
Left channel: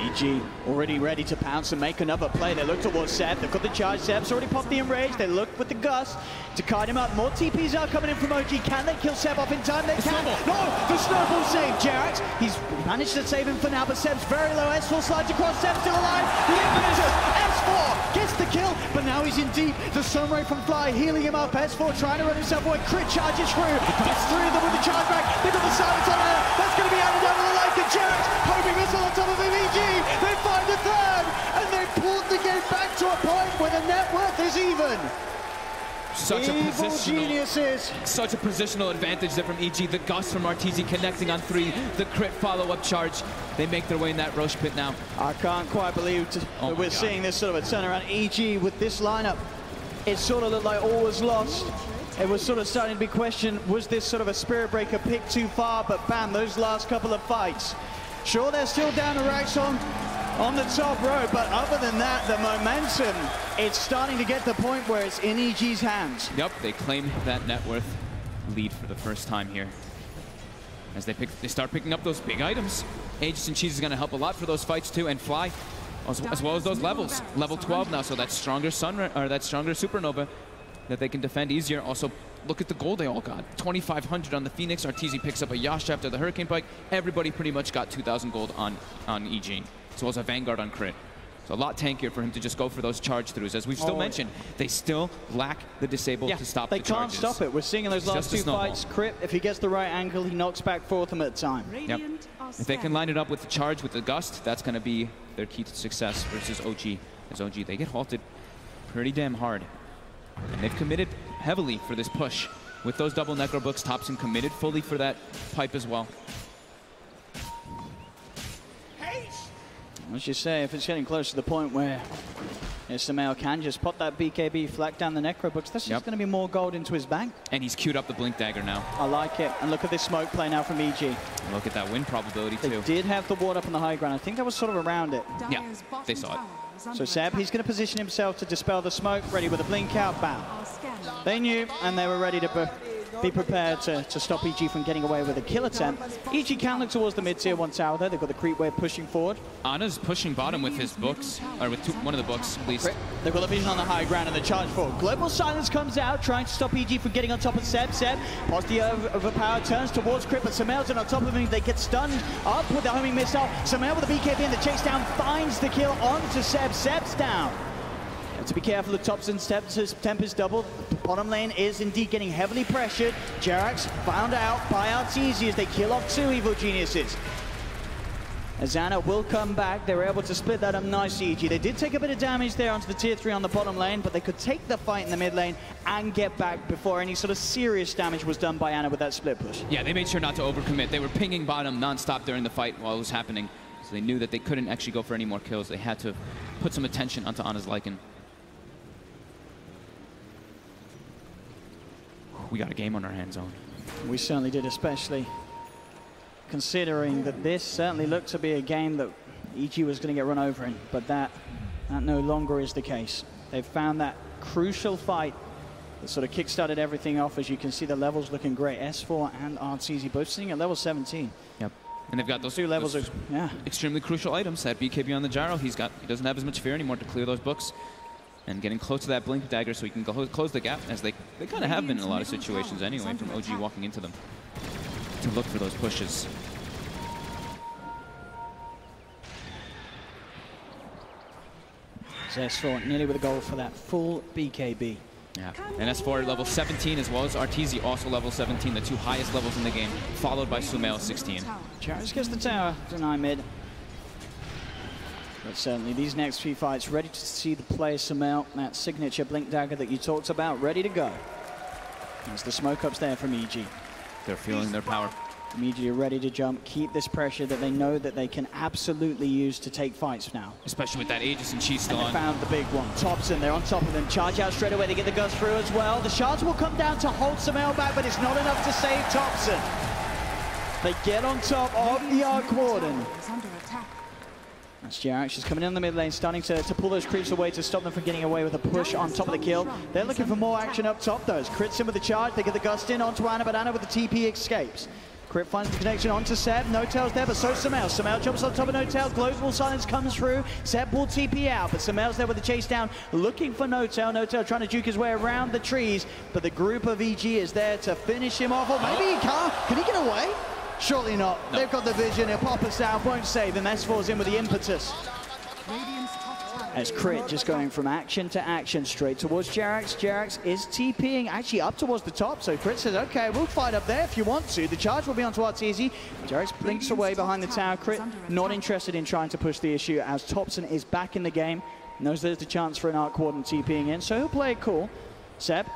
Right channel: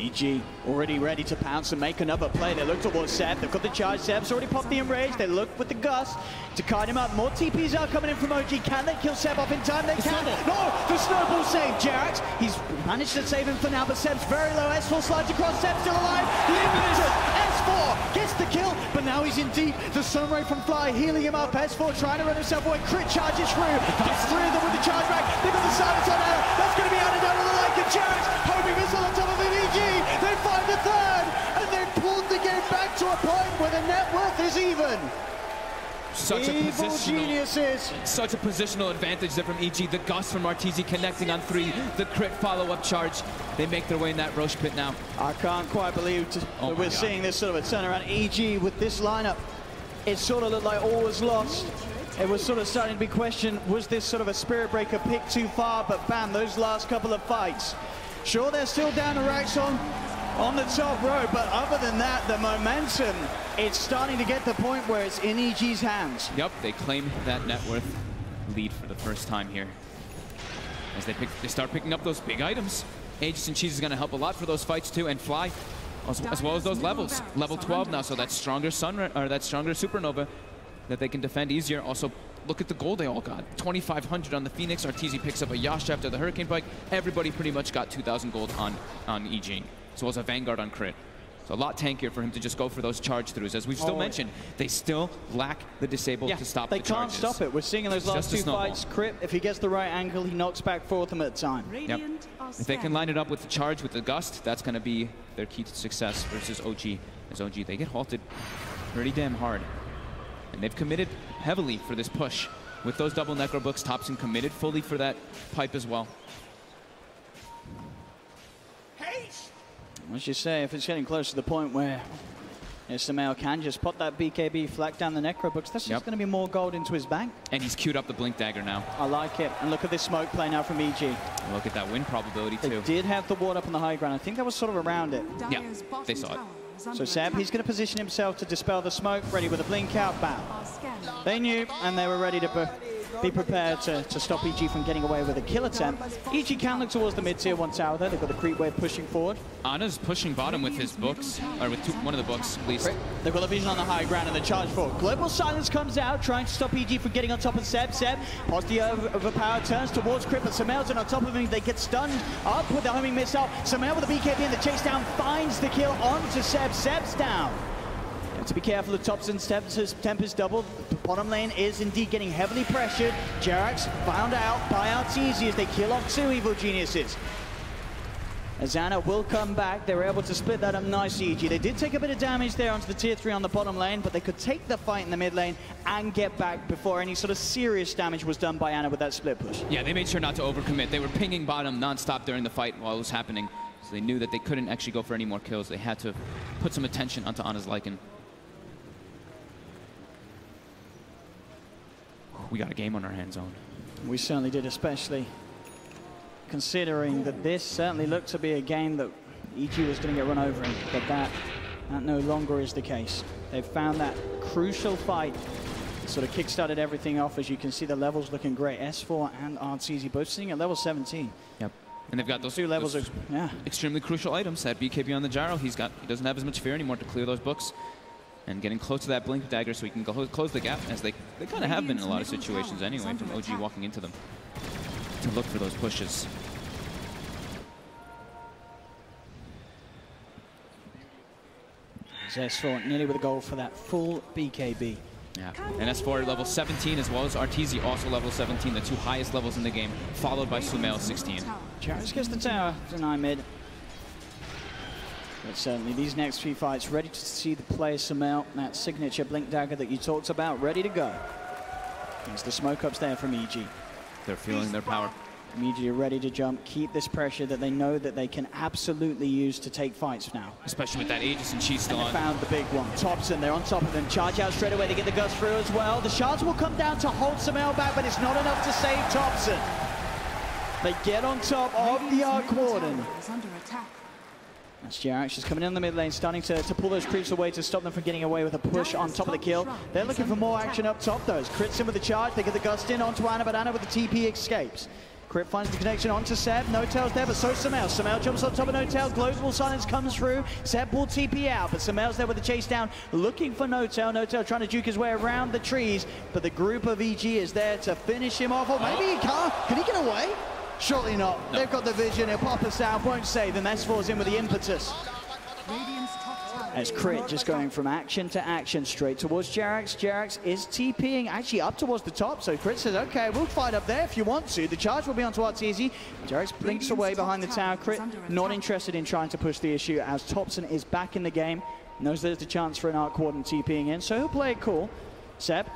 EG already ready to pounce and make another play. They look towards Seb. They've got the charge. Seb's already popped the enrage. They look with the gust to kite him up. More TPs are coming in from OG. Can they kill Seb off in time? They can. No, the snowball saved Jax. He's managed to save him for now, but Seb's very low. S4 slides across. Seb's still alive. S4 gets the kill, but now he's in deep. The Sunray from Fly healing him up. S4 trying to run himself away. Crit charges through. Gets 3 of them with the charge back. They've got the silence on there. That's going to be added over the like of Jax. Homing missile on top of him. EG. They find a third, and they pulled the game back to a point where the net worth is even. Such a positional advantage there from EG. The gust from Arteezy connecting on 3. The Crit follow-up charge. They make their way in that Roche pit now. I can't quite believe that we're seeing this sort of a turnaround. EG with this lineup, it sort of looked like all was lost. It was sort of starting to be questioned, was this sort of a Spirit Breaker pick too far? But bam, those last couple of fights. Sure, they're still down to racks on the top row, but other than that, the momentum, it's starting to get the point where it's in EG's hands. Yep, they claim that net worth lead for the first time here. As they start picking up those big items. Aegis and Cheese is going to help a lot for those fights too, and Fly, as well as those levels. Level 12 now, so that stronger Supernova that they can defend easier. Also, look at the gold they all got. 2,500 on the Phoenix. Arteezy picks up a Yasha after the Hurricane Bike. Everybody pretty much got 2,000 gold on EG, as well as a Vanguard on Crit. So a lot tankier for him to just go for those charge throughs. As we've still mentioned, they still lack the disable to stop the charges. They can't stop it. We're seeing in those last two fights, Crit, if he gets the right angle, he knocks back 4 of them at a time. Yep. If they can line it up with the charge, with the gust, that's going to be their key to success versus OG. As OG, they get halted pretty damn hard. And they've committed heavily for this push. With those double Necro Books, Thompson committed fully for that pipe as well. As you say, if it's getting close to the point where Ismail can just pop that BKB, flat down the Necro Books, that's just going to be more gold into his bank. And he's queued up the Blink Dagger now. I like it. And look at this smoke play now from EG. And look at that win probability, too. They did have the ward up in the high ground. I think that was sort of around it. Yeah, they saw it. So Seb, he's going to position himself to dispel the smoke, ready with a blink out, bam. They knew, and they were ready to be prepared to stop EG from getting away with a kill attempt. EG can look towards the mid-tier 1 tower there. They've got the creep wave pushing forward. Ana's pushing bottom with his books, or with one of the books, at least. They've got the vision on the high ground and the charge forward. Global Silence comes out, trying to stop EG from getting on top of Seb. Seb, positive overpower, turns towards Crit, but Samel's on top of him. They get stunned up with the homing missile. Samel with the BKB and the chase down finds the kill onto Seb. Seb's down. To be careful of Thompson's Tempest double. The bottom lane is indeed getting heavily pressured. Jerax found out by Arteezy as they kill off 2 evil geniuses. Azana will come back. They were able to split that up nicely, EG. They did take a bit of damage there onto the tier 3 on the bottom lane, but they could take the fight in the mid lane and get back before any sort of serious damage was done by Ana with that split push. Yeah, they made sure not to overcommit. They were pinging bottom non-stop during the fight while it was happening. So they knew that they couldn't actually go for any more kills. They had to put some attention onto Ana's Lycan. We got a game on our hands on. We certainly did, especially considering that this certainly looked to be a game that EG was going to get run over in, but that no longer is the case. They've found that crucial fight that sort of kick-started everything off. As you can see, the levels looking great. S4 and Arteezy both sitting at level 17. Yep. And they've got those 2 levels of extremely crucial items. That BKB on the gyro, he doesn't have as much fear anymore to clear those books. And getting close to that Blink Dagger so he can close the gap, as they kind of have been in a lot of situations anyway, from OG walking into them, to look for those pushes. S4 nearly with a goal for that full BKB. Yeah, and S4 level 17 as well as Arteezy also level 17, the 2 highest levels in the game, followed by Sumail 16. Charles gets the tower, deny mid. But certainly these next 3 fights, ready to see the players Sumail, that signature Blink Dagger that you talked about, ready to go. There's the smoke ups there from EG. They're feeling their power. EG are ready to jump, keep this pressure that they know that they can absolutely use to take fights now. Especially with that Aegis and Cheat still on. Found the big one. Thompson, they're on top of them. Charge out straight away, they get the gust through as well. The shards will come down to hold Sumail back, but it's not enough to save Thompson. They get on top of the Arc Warden. That's Jerax. She's coming in the mid lane, starting to pull those creeps away to stop them from getting away with a push on top of the kill. They're looking for more action up top, though. As Crit's in with the charge, they get the gust in onto Ana, but Ana with the TP escapes. Crit finds the connection onto Seb. No Tail's there, but so is Sumail. Sumail jumps on top of No Tail. Global Silence comes through. Seb will TP out, but Sumail's there with the chase down, looking for No Tail. No Tail trying to juke his way around the trees, but the group of EG is there to finish him off. Or maybe he can't. Can he get away? Surely not. No. They've got the vision. He'll pop us out, won't save him. S4's in with the impetus. As Crit just going from action to action straight towards Jerax. Jerax is TPing actually up towards the top, so Crit says, okay, we'll fight up there if you want to. The charge will be onto Arteezy. Jerax blinks away behind the tower. Crit not interested in trying to push the issue as Thompson is back in the game. Knows there's the chance for an Arc Warden TPing in, so he'll play it cool. Seb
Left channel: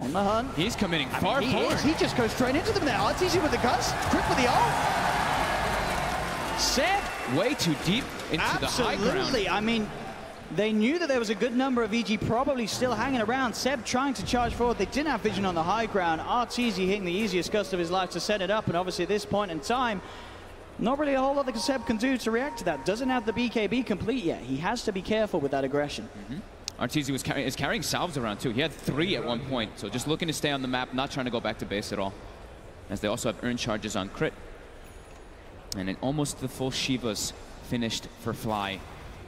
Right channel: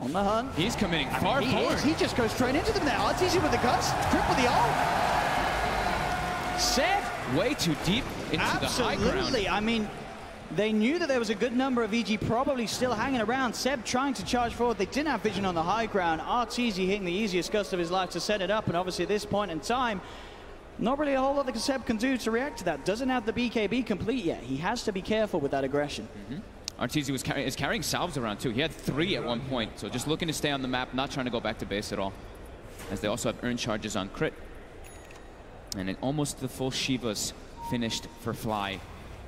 on the hunt. He's committing far forward. He just goes straight into them there. Arteezy with the gust. Crit with the ult. Seb way too deep into the high ground. Absolutely. I mean, they knew that there was a good number of EG probably still hanging around. Seb trying to charge forward. They didn't have vision on the high ground. Arteezy hitting the easiest gust of his life to set it up. And obviously at this point in time, not really a whole lot that Seb can do to react to that. Doesn't have the BKB complete yet. He has to be careful with that aggression. Arteezy is carrying salves around too. He had 3 at one point. So just looking to stay on the map, not trying to go back to base at all. As they also have earned charges on Crit. And then almost the full Shivas finished for Fly.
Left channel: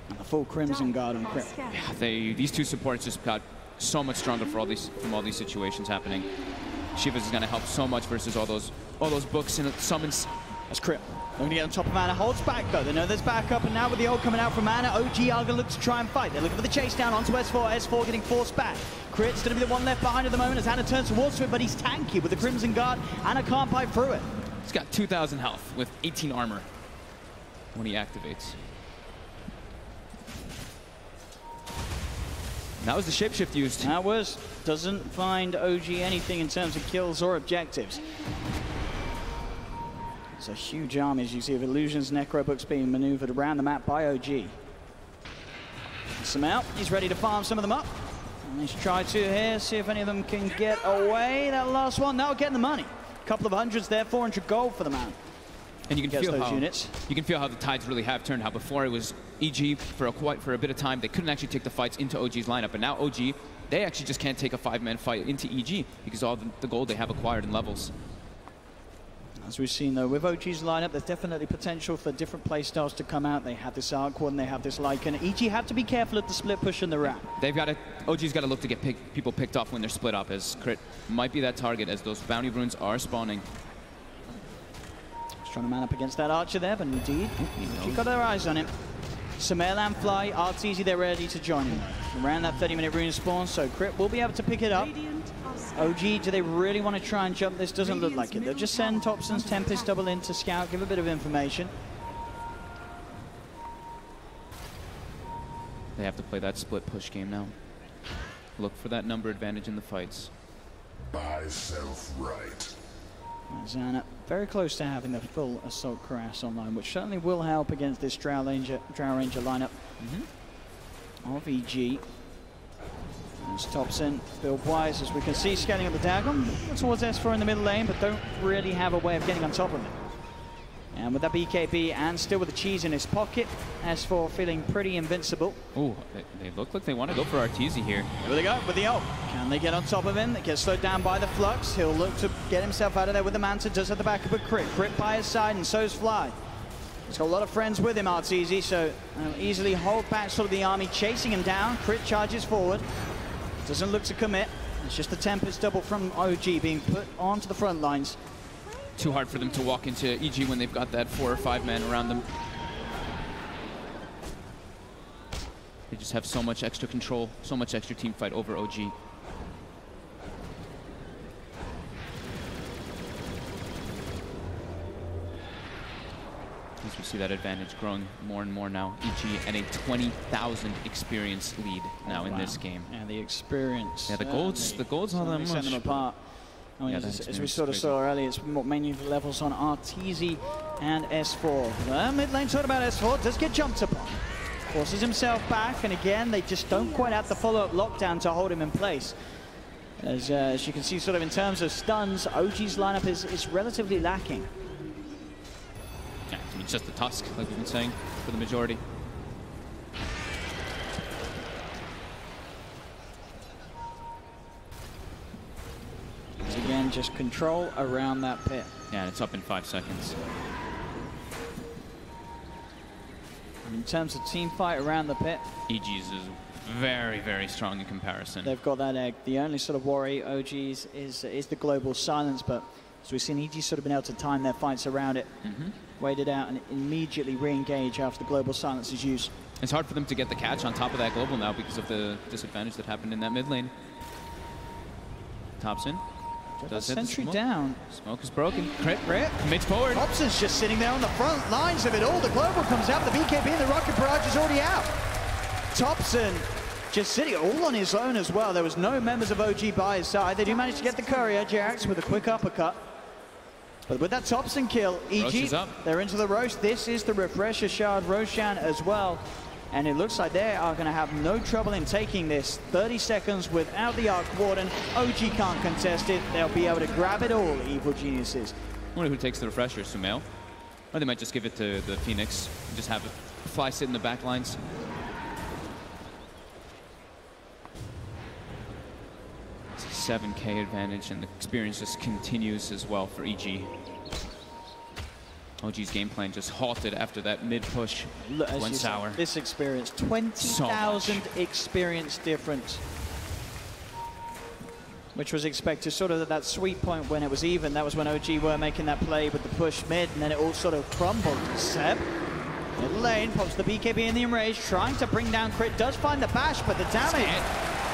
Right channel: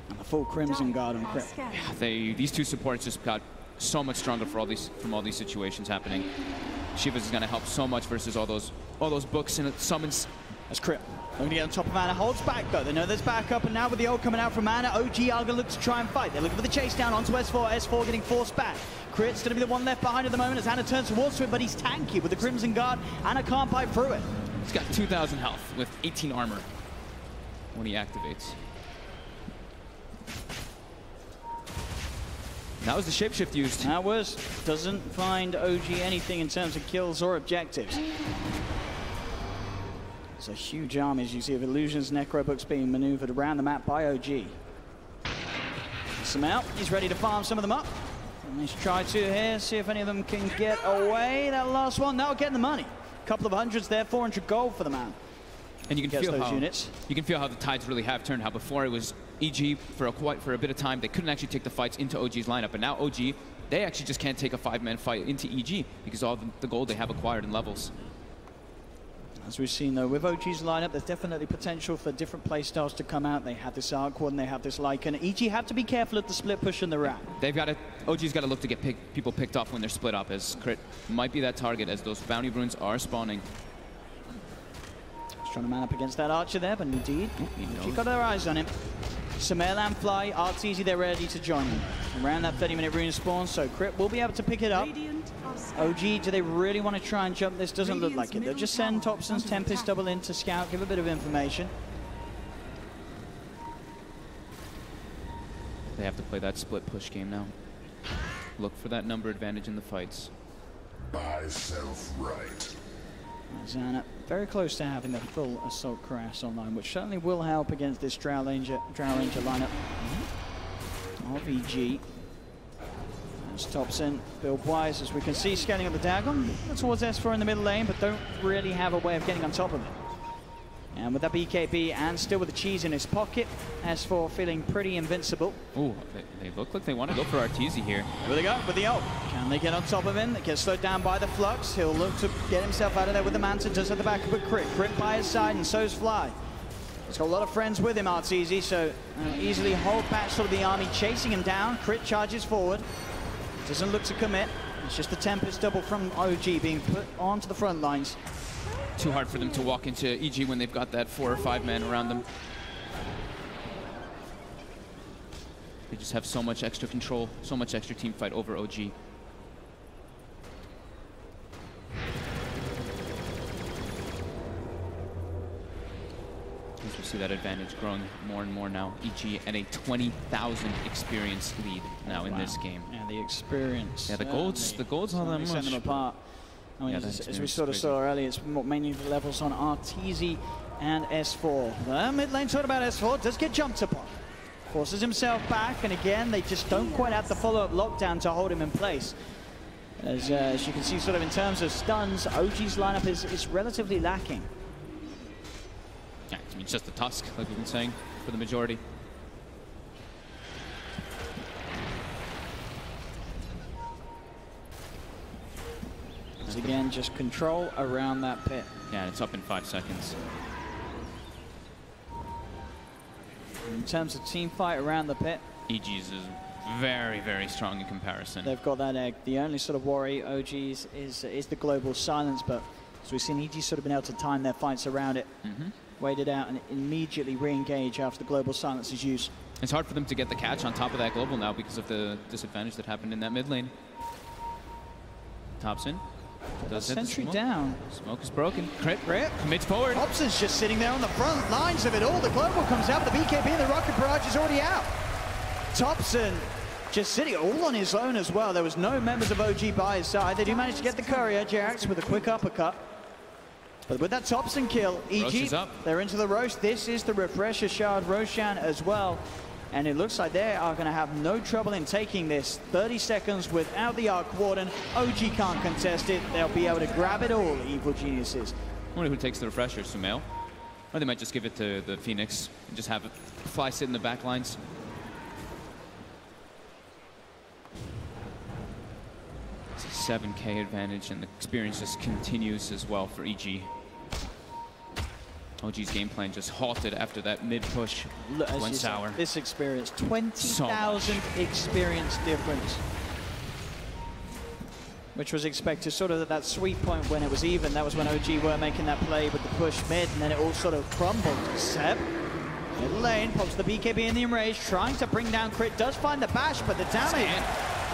And the full Crimson Guard on Crit. Yeah, these 2 supports just got so much stronger for from all these situations happening. Shivas is going to help so much versus all those books, and it summons. That's Crit. They're going to get on top of Mana. Holds back, though. They know there's backup, and now with the ult coming out from Mana, OG are going to look to try and fight. They're looking for the chase down onto S4. S4 getting forced back. Crit's going to be the one left behind at the moment as Ana turns towards it, but he's tanky with the Crimson Guard. Ana can't pipe through it. He's got 2,000 health with 18 armor when he activates. That was the shapeshift used. That was. Doesn't find OG anything in terms of kills or objectives. It's a huge army, as you see, of illusions, necrobooks being maneuvered around the map by OG. Gets them out. He's ready to farm some of them up. And let's try to here, see if any of them can get away. That last one, now getting the money. A couple of hundreds there, 400 gold for the man. And you can feel those units. You can feel how the tides really have turned. How before it was EG for a bit of time, they couldn't actually take the fights into OG's lineup, but now OG, they actually just can't take a 5-man fight into EG because of all the gold they have acquired in levels. As we've seen, though, with OG's lineup, there's definitely potential for different playstyles to come out. They have this Arc and they have this Lycan. EG have to be careful at the split push in the ramp. OG's got to look to get people picked off when they're split up, as Crit might be that target as those bounty runes are spawning. Trying to man up against that archer there, but indeed, you've got their eyes on him. Sumail and Fly, Arteezy, they're ready to join him. Around that 30-minute rune spawn, so Crit will be able to pick it up. OG, do they really want to try and jump this? Doesn't look like it. They'll just send Thompson's Tempest double in to scout, give a bit of information. They have to play that split push game now. Look for that number advantage in the fights. Myself right. Zana very close to having the full Assault Crash online, which certainly will help against this Drow Ranger lineup of EG. There's Thompson, build wise, as we can see, scanning at the Dagon towards S4 in the middle lane, but don't really have a way of getting on top of it. And with that BKB and still with the cheese in his pocket, S4 feeling pretty invincible. Ooh, they look like they want to go for Arteezy here. Here they go with the ult. Can they get on top of him? They get slowed down by the flux. He'll look to get himself out of there with the Manta. Does at the back of a Crit. Crit by his side, and so's Fly. He's got a lot of friends with him, Arteezy, so easily hold back sort of the army, chasing him down. Crit charges forward. Doesn't look to commit. It's just the Tempest double from OG being put onto the front lines. Too hard for them to walk into EG when they've got that 4 or 5 man around them. They just have so much extra control, so much extra team fight over OG. As we see that advantage growing more and more now. EG at a 20,000 experience lead now in this game. And the experience. Yeah, the gold's not that much. Set them apart. I mean, as we sort of saw earlier, it's mainly the levels on Arteezy and S4. The mid lane sort about S4 does get jumped upon. Forces himself back, and again, they just don't quite have the follow-up lockdown to hold him in place. As you can see, sort of in terms of stuns, OG's lineup is relatively lacking. Yeah, I mean, it's just the Tusk, like we've been saying, for the majority. Again, just control around that pit. Yeah, it's up in 5 seconds. In terms of team fight around the pit, EG's is very, very strong in comparison. They've got that egg. The only sort of worry OG's is the global silence, but as we've seen, EG's sort of been able to time their fights around it, wait it out, and immediately re-engage after the global silence is used. It's hard for them to get the catch on top of that global now because of the disadvantage that happened in that mid lane. Thompson. Sentry down. Smoke is broken. Crit. Commits forward. Thompson's just sitting there on the front lines of it all. The global comes out. The BKB and the rocket barrage is already out. Thompson just sitting all on his own as well. There was no members of OG by his side. They do manage to get the courier, Jax, with a quick uppercut. But with that Thompson kill, EG, they're into the roast. This is the refresher shard Roshan as well. And it looks like they are going to have no trouble in taking this. 30 seconds without the Arc Warden. OG can't contest it. They'll be able to grab it all, Evil Geniuses. I wonder who takes the refresher, Sumail. Or they might just give it to the Phoenix and just have it Fly sit in the back lines. It's a 7k advantage, and the experience just continues as well for EG. OG's game plan just halted after that mid-push went sour. This experience, 20,000 experience difference. which was expected sort of at that sweet point when it was even. That was when OG were making that play with the push mid, and then it all sort of crumbled. Seb, middle lane, pops the BKB in the enrage, trying to bring down Crit, does find the bash, but the damage,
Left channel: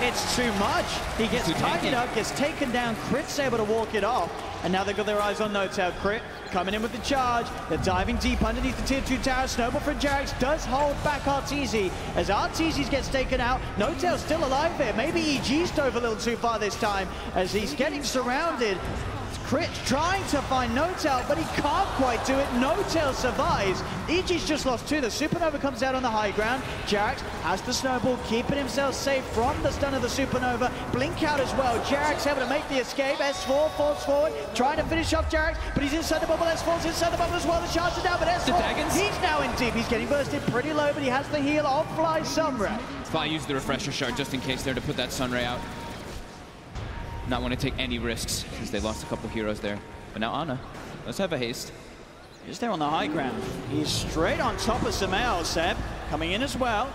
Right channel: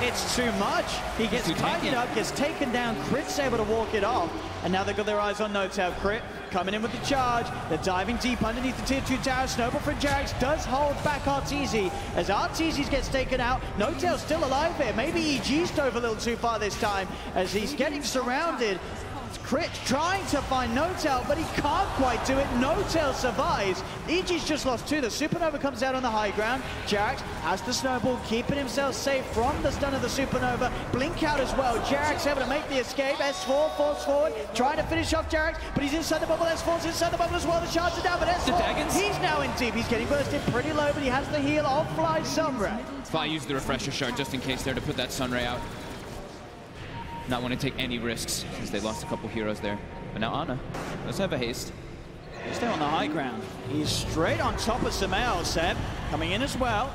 it's too much. He gets targeted up, gets taken down, Crit's able to walk it off, and now they've got their eyes on No-Tail. Crit coming in with the charge. They're diving deep underneath the tier 2 tower. Snowball from Jax does hold back Arteezy. As Arteezy gets taken out, No-Tail's still alive here. Maybe EG's dove a little too far this time as he's getting surrounded. Crit trying to find No-Tail, but he can't quite do it. No-Tail survives. EG's just lost 2. The Supernova comes out on the high ground. Jax has the Snowball, keeping himself safe from the stun of the Supernova. Blink out as well. Jax able to make the escape. S4 falls forward, trying to finish off Jax, but he's inside the bubble. S4's inside the bubble as well. The shots are down, but S4, he's now in deep. He's getting bursted pretty low, but he has the heal of Fly Sunray. Fly used the refresher shard just in case there to put that Sunray out. Not want to take any risks since they lost a couple heroes there. But now Ana, let's have a haste. He's still on the high ground. He's straight on top of Samael, Seb. Coming in as well.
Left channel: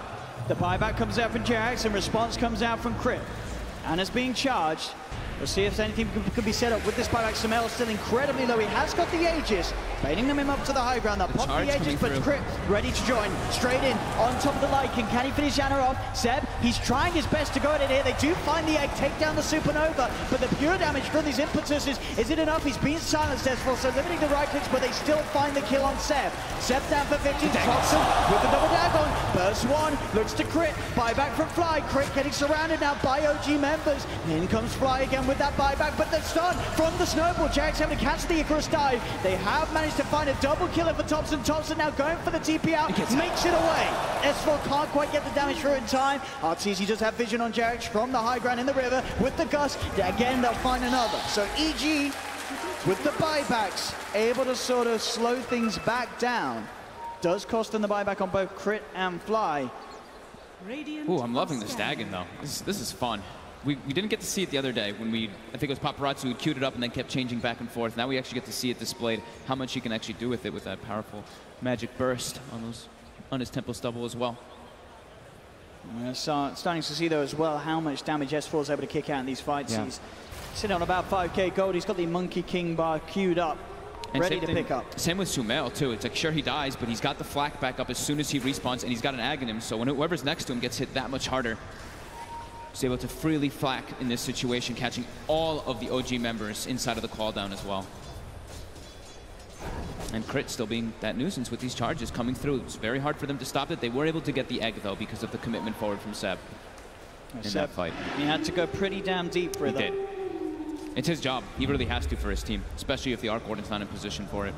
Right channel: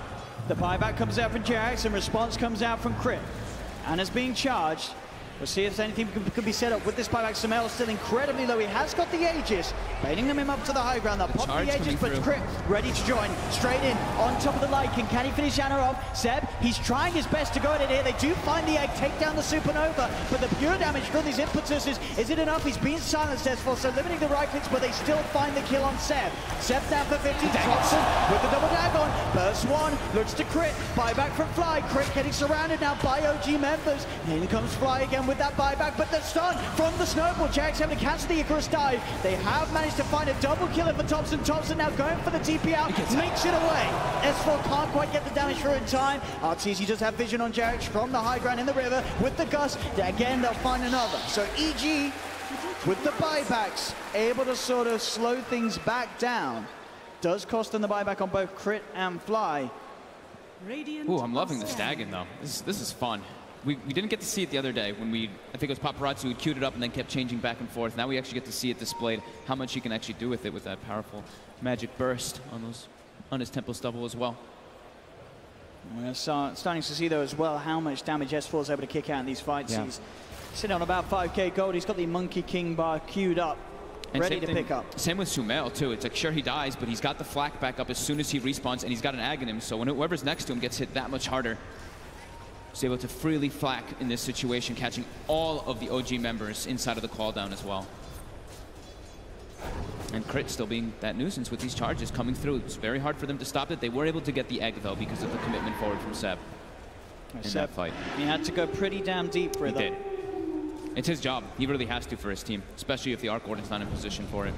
The buyback comes out from Jax, and response comes out from Crit. Ana's being charged. We'll see if anything can be set up with this buyback. Samael still incredibly low. He has got the Aegis, baiting them up to the high ground. That popped the Aegis, but Crit ready to join. Straight in, on top of the Lycan. Can he finish Ana off? Seb, he's trying his best to go at it here. They do find the egg, take down the Supernova, but the pure damage for these impetuses, is it enough? He's being silenced, S4, so limiting the right clicks, but they still find the kill on Seb. Seb's down for 50, Thompson with the double dagon. Burst 1, looks to Crit. Buyback from Fly. Crit getting surrounded now by OG members. In comes Fly again with that buyback, but the stun from the Snowball. Jax having to cancel the Icarus dive. They have managed to find a double killer for Thompson. Thompson now going for the TP out, makes it away. S4 can't quite get the damage through in time. Arteezy does have vision on Jax from the high ground in the river with the gust. Again, they'll find another. So EG, with the buybacks, able to sort of slow things back down. Does cost them the buyback on both Crit and Fly. Ooh, I'm loving the Staggin though. This is fun. We didn't get to see it the other day when I think it was Paparazzi who queued it up and then kept changing back and forth. Now we actually get to see it displayed, how much he can actually do with it with that powerful magic burst on his Temple Stubble as well. We're starting to see though as well how much damage S4 is able to kick out in these fights. Yeah. He's sitting on about 5k gold. He's got the Monkey King bar queued up, and ready to pick up. Same with Sumail too. It's like, sure, he dies, but he's got the flak back up as soon as he respawns, and he's got an ag in him, so when whoever's next to him gets hit that much harder. He's able to freely flak in this situation, catching all of the OG members inside of the call down as well. And Crit still being that nuisance with these charges coming through. It's very hard for them to stop it. They were able to get the egg though because of the commitment forward from Seb in that fight. He had to go pretty damn deep for it. He did. It's his job. He really has to for his team, especially if the Arc Warden's not in position for it.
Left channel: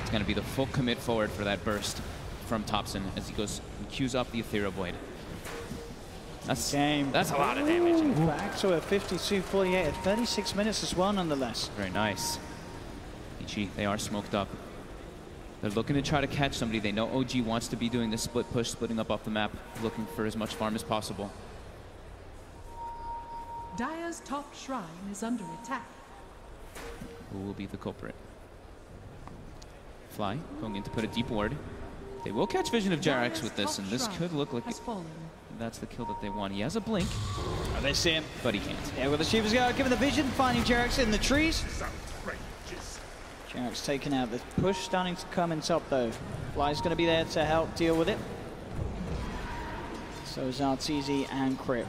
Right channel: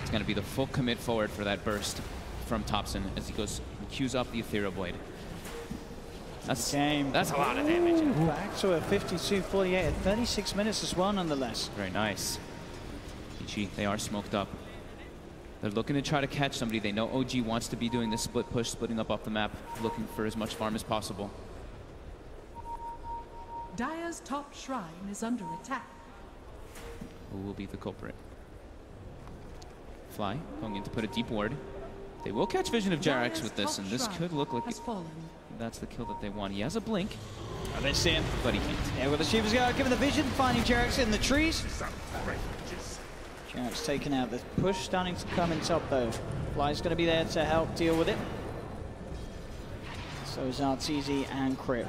It's going to be the full commit forward for that burst from Thompson as he goes and queues up the Ethereal Blade. That's a lot of damage. Back to a 52-48 at 36 minutes as well, nonetheless. Very nice. EG, they are smoked up. They're looking to try to catch somebody. They know OG wants to be doing this split push, splitting up off the map, looking for as much farm as possible. Dire's top shrine is under attack. Who will be the culprit? Fly going in to put a deep ward. They will catch vision of Jarex with this, and this could look like that's the kill that they want. He has a blink. And they see him, but he can't. Yeah, well, the Shivers guard given the vision, finding Jarex in the trees. Jarex taken out. The push starting to come in top, though. Fly's going to be there to help deal with it. So is Arteezy and Crit.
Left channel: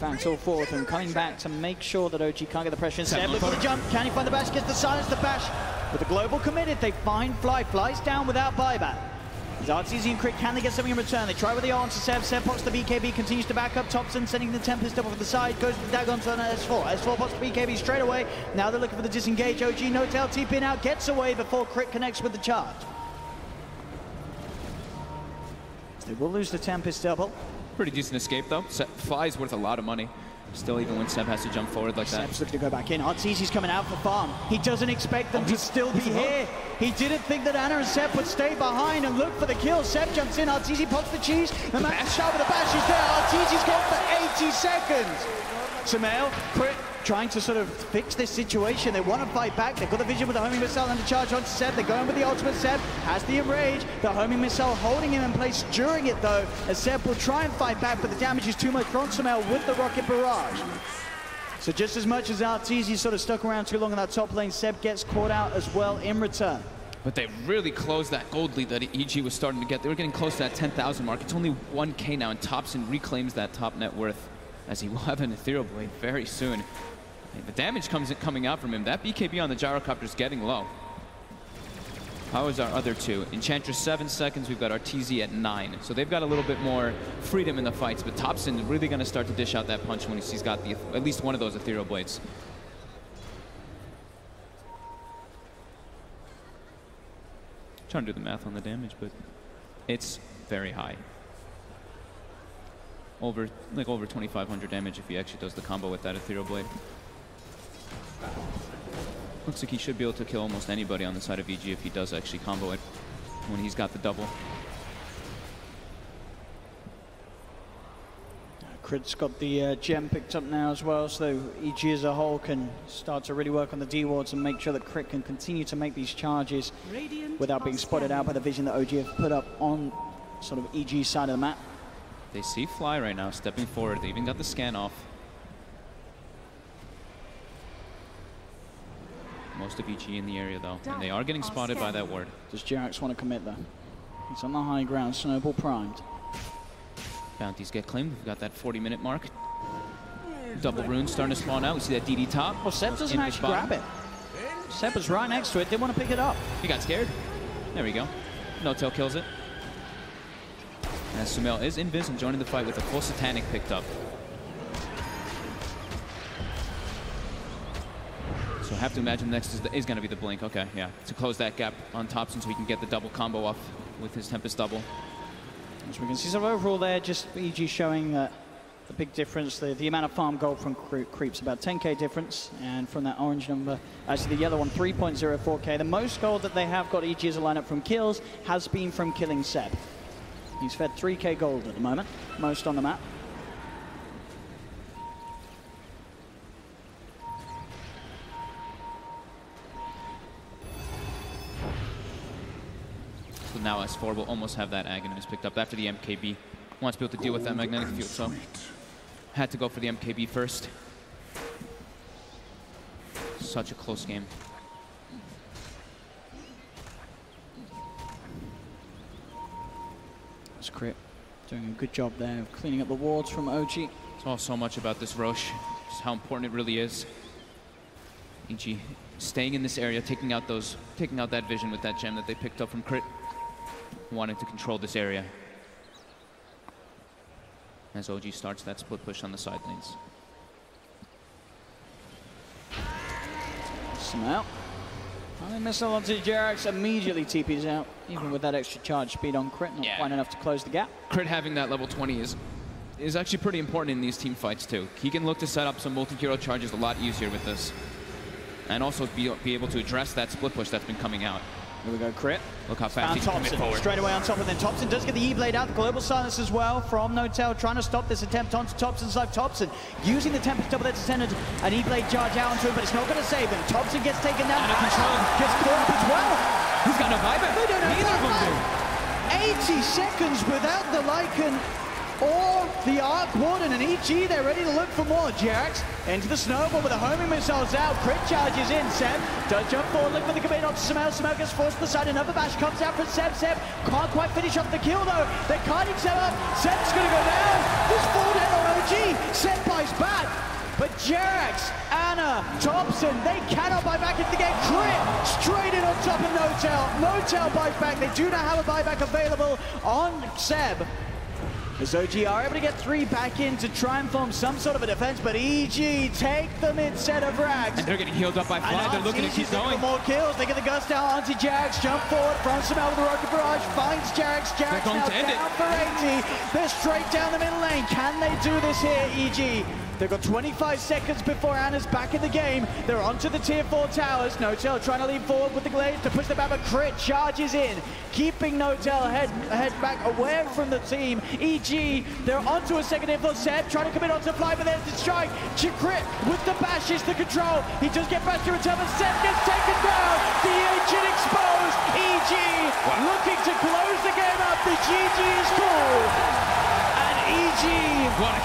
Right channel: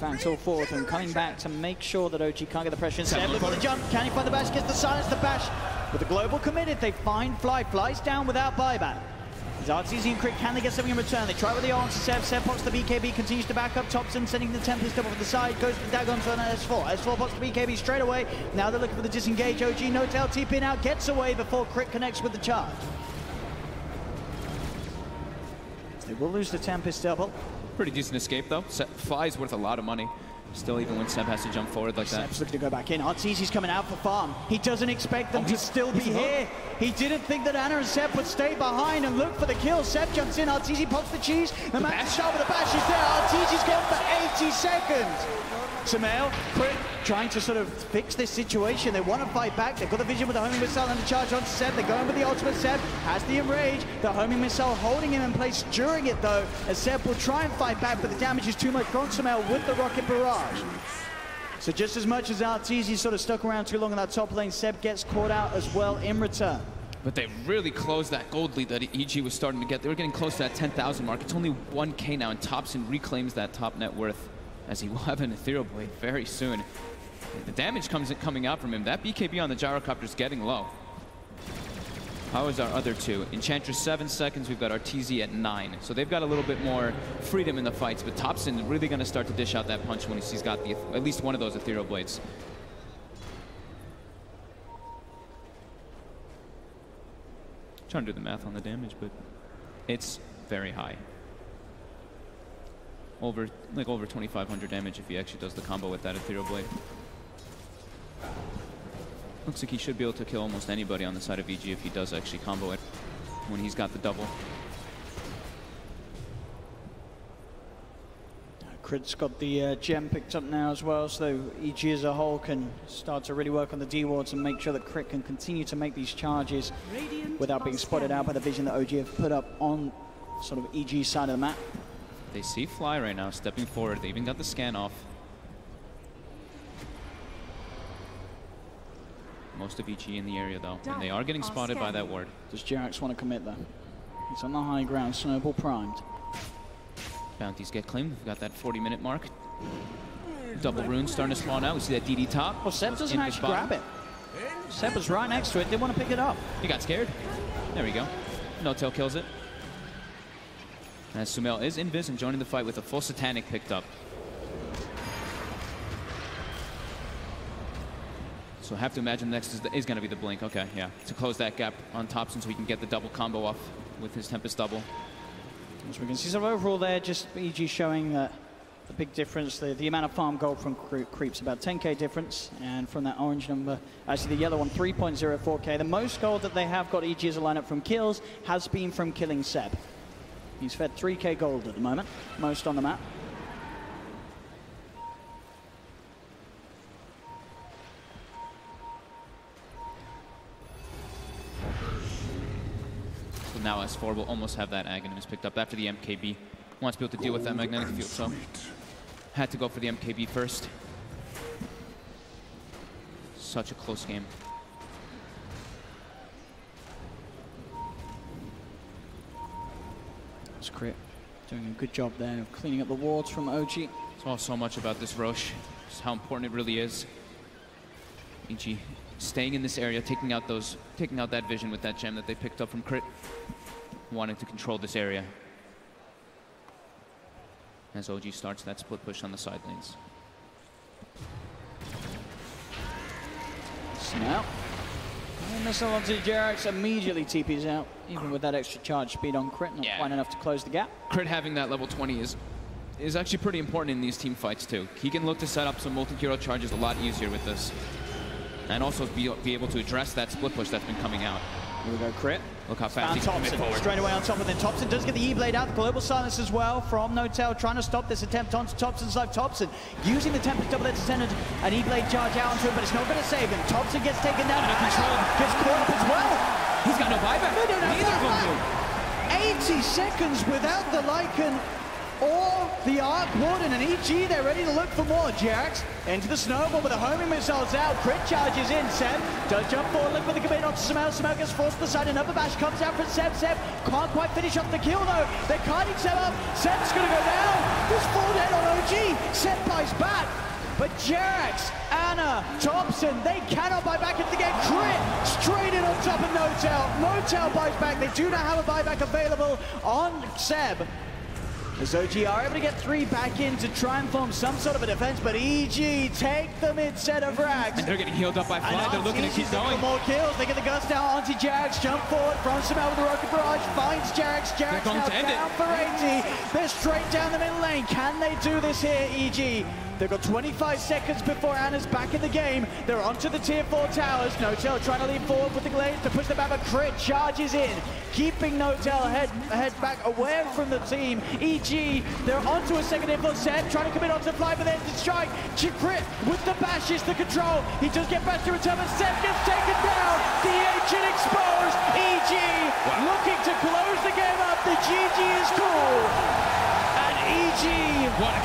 Found all four of them coming back to make sure that OG can't get the pressure instead. Look at the jump. Can he find the bash? Gets the silence, the bash. With the global committed, they find Fly. Flies down without buyback. As Arteezy and Crit, can they get something in return? They try with the answer. Seb pops the BKB, continues to back up Thompson, sending the Tempest up over the side, goes to the Dagons on S4. S4 pops the BKB straight away. Now they're looking for the disengage. OG, No-Tail TPing out, gets away before Crit connects with the charge. They will lose the Tempest double. Pretty decent escape though. Fly's worth a lot of money. Still, even when Seb has to jump forward like that. Seb's looking to go back in. Arteezy's coming out for farm. He doesn't expect them to still be here. He didn't think that Ana and Seb would stay behind and look for the kill. Seb jumps in. Arteezy pops the cheese. The shot with the bash is there. Arteezy's gone for 80 seconds. Sumail, Crit trying to sort of fix this situation. They want to fight back. They've got the vision with the homing missile and the charge on Seb. They're going with the ultimate. Seb has the enrage. The homing missile holding him in place during it, though, as Seb will try and fight back, but the damage is too much from Samel with the rocket barrage. So just as much as Arteezy sort of stuck around too long on that top lane, Seb gets caught out as well in return. But they really closed that gold lead that EG was starting to get. They were getting close to that 10,000 mark. It's only 1K now, and Thompson reclaims that top net worth as he will have an Ethereal Blade very soon. And the damage coming out from him. That BKB on the gyrocopter is getting low. How is our other two? Enchantress 7 seconds. We've got Arteezy at 9. So they've got a little bit more freedom in the fights. But Thompson really going to start to dish out that punch when he's got at least one of those Ethereal Blades. Trying to do the math on the damage, but it's very high. Over 2,500 damage if he actually does the combo with that Ethereal Blade. Looks like he should be able to kill almost anybody on the side of EG if he does actually combo it when he's got the double. Crit's got the gem picked up now as well, so EG as a whole can start to really work on the D-wards and make sure that Crit can continue to make these charges without being spotted out by the vision that OG have put up on sort of EG's side of the map. They see Fly right now stepping forward. They even got the scan off. Most of EG in the area though, and they are getting spotted by that ward. Does Jerax want to commit though? He's on the high ground, Snowball primed. Bounties get claimed. We've got that 40-minute mark. Double runes starting to spawn out. We see that DD top. Well, Seb doesn't actually grab it. Seb was right next to it. Didn't want to pick it up. He got scared. There we go. No-tail kills it. As Sumail is invis and joining the fight with a full Satanic picked up. So I have to imagine next is going to be the Blink. Okay, yeah. To close that gap on Thompson so he can get the double combo off with his Tempest double. As we can see, so overall there, just EG showing the big difference. The amount of farm gold from creeps, about 10k difference. And from that orange number, actually the yellow one, 3.04k. The most gold that they have got EG as a lineup from kills has been from killing Seb. He's fed 3k gold at the moment, most on the map. So now S4 will almost have that Aghanim picked up after the MKB. Wants to be able to deal with that magnetic field, so had to go for the MKB first. Such a close game. It's Crit doing a good job there of cleaning up the wards from OG. It's all so much about this Roche, just how important it really is. EG staying in this area, taking out that vision with that gem that they picked up from Crit. Wanting to control this area. As OG starts that split push on the side lanes. Snap. And missile onto Jerax, immediately TP's out. Even with that extra charge speed on Crit, not quite enough to close the gap. Crit having that level 20 is actually pretty important in these team fights too. He can look to set up some multi-hero charges a lot easier with this. And also be able to address that split push that's been coming out. Here we go, Crit. Look how fast he can commit forward. Straight away on top of it. Then Thompson does get the E-Blade out. The global silence as well from No-Tail, trying to stop this attempt onto Thompson's life. Thompson using the Tempest double there to send an E-Blade charge out onto him, but it's not going to save him. Thompson gets taken down. Under control. Gets caught up as well. He's got no buyback. Neither of them do. 80 seconds without the Lycan or the Arc Warden and EG. They're ready to look for more. Jax into the snowball with the homing missiles out. Crit charges in. Seb does jump forward, look for the commit onto Samel. Samel gets forced to the side. Another bash comes out from Seb. Seb can't quite finish off the kill though. They're carting Seb up. Seb's going to go down. There's fall down on OG. Seb buys back. But Jax, Anna, Thompson, they cannot buy back into the game. Crit straight in on top of No-Tail. No-Tail buys back. They do not have a buyback available on Seb. As OG are able to get 3 back in to try and form some sort of a defense, but EG take them instead of Rags. And they're getting healed up by Fly. They're looking to keep going. More kills. They get the gust down onto Jax. Jump forward from Samel with the rocket barrage. Finds Jax. Jax now down for 80. They're straight down the middle lane. Can they do this here, EG? They've got 25 seconds before Anna's back in the game. They're onto the tier 4 towers. Notel trying to lean forward with the glaive to push them back, but Crit charges in, keeping Notel head back away from the team. EG, they're onto a second info. Seb trying to commit onto the fly, but there's the strike. Crit with the bashes, the control. He does get back to return, but Seb gets taken down. The agent exposed. EG looking to close the game up. The GG is through. And EG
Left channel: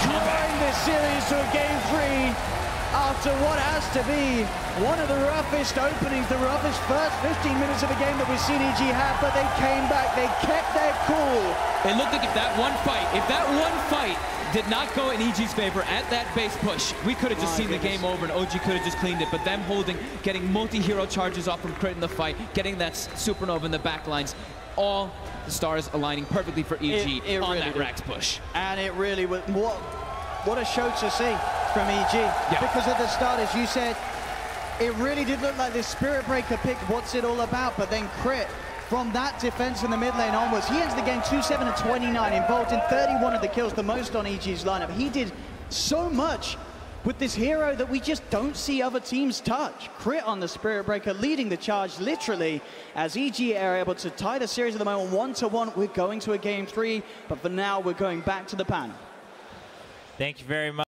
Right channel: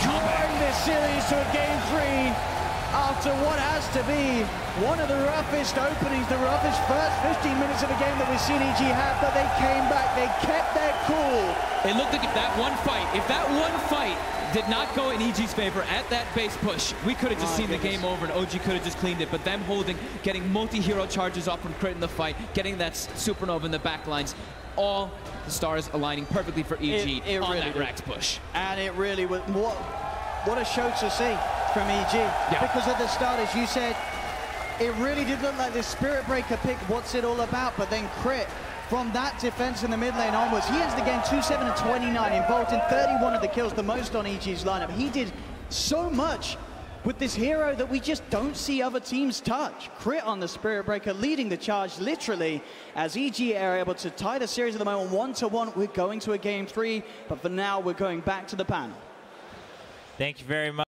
drawing this series to a game 3 after what has to be one of the roughest openings, the roughest first 15 minutes of the game that we've seen EG have, but they came back, they kept their cool. It looked like if that one fight did not go in EG's favor at that base push, we could have just seen the game over and OG could have just cleaned it, but them holding, getting multi-hero charges off from Crit in the fight, getting that supernova in the back lines, all the stars aligning perfectly for EG on really that Rax push. And it really was, what a show to see from EG. Yeah. Because at the start, as you said, it really did look like the Spirit Breaker pick, what's it all about, but then Crit, from that defense in the mid lane onwards, he ends the game 2-7-29, involved in 31 of the kills, the most on EG's lineup. He did so much with this hero that we just don't see other teams touch. Crit on the Spirit Breaker, leading the charge literally, as EG are able to tie the series at the moment 1-1. We're going to a game 3, but for now we're going back to the panel. Thank you very much.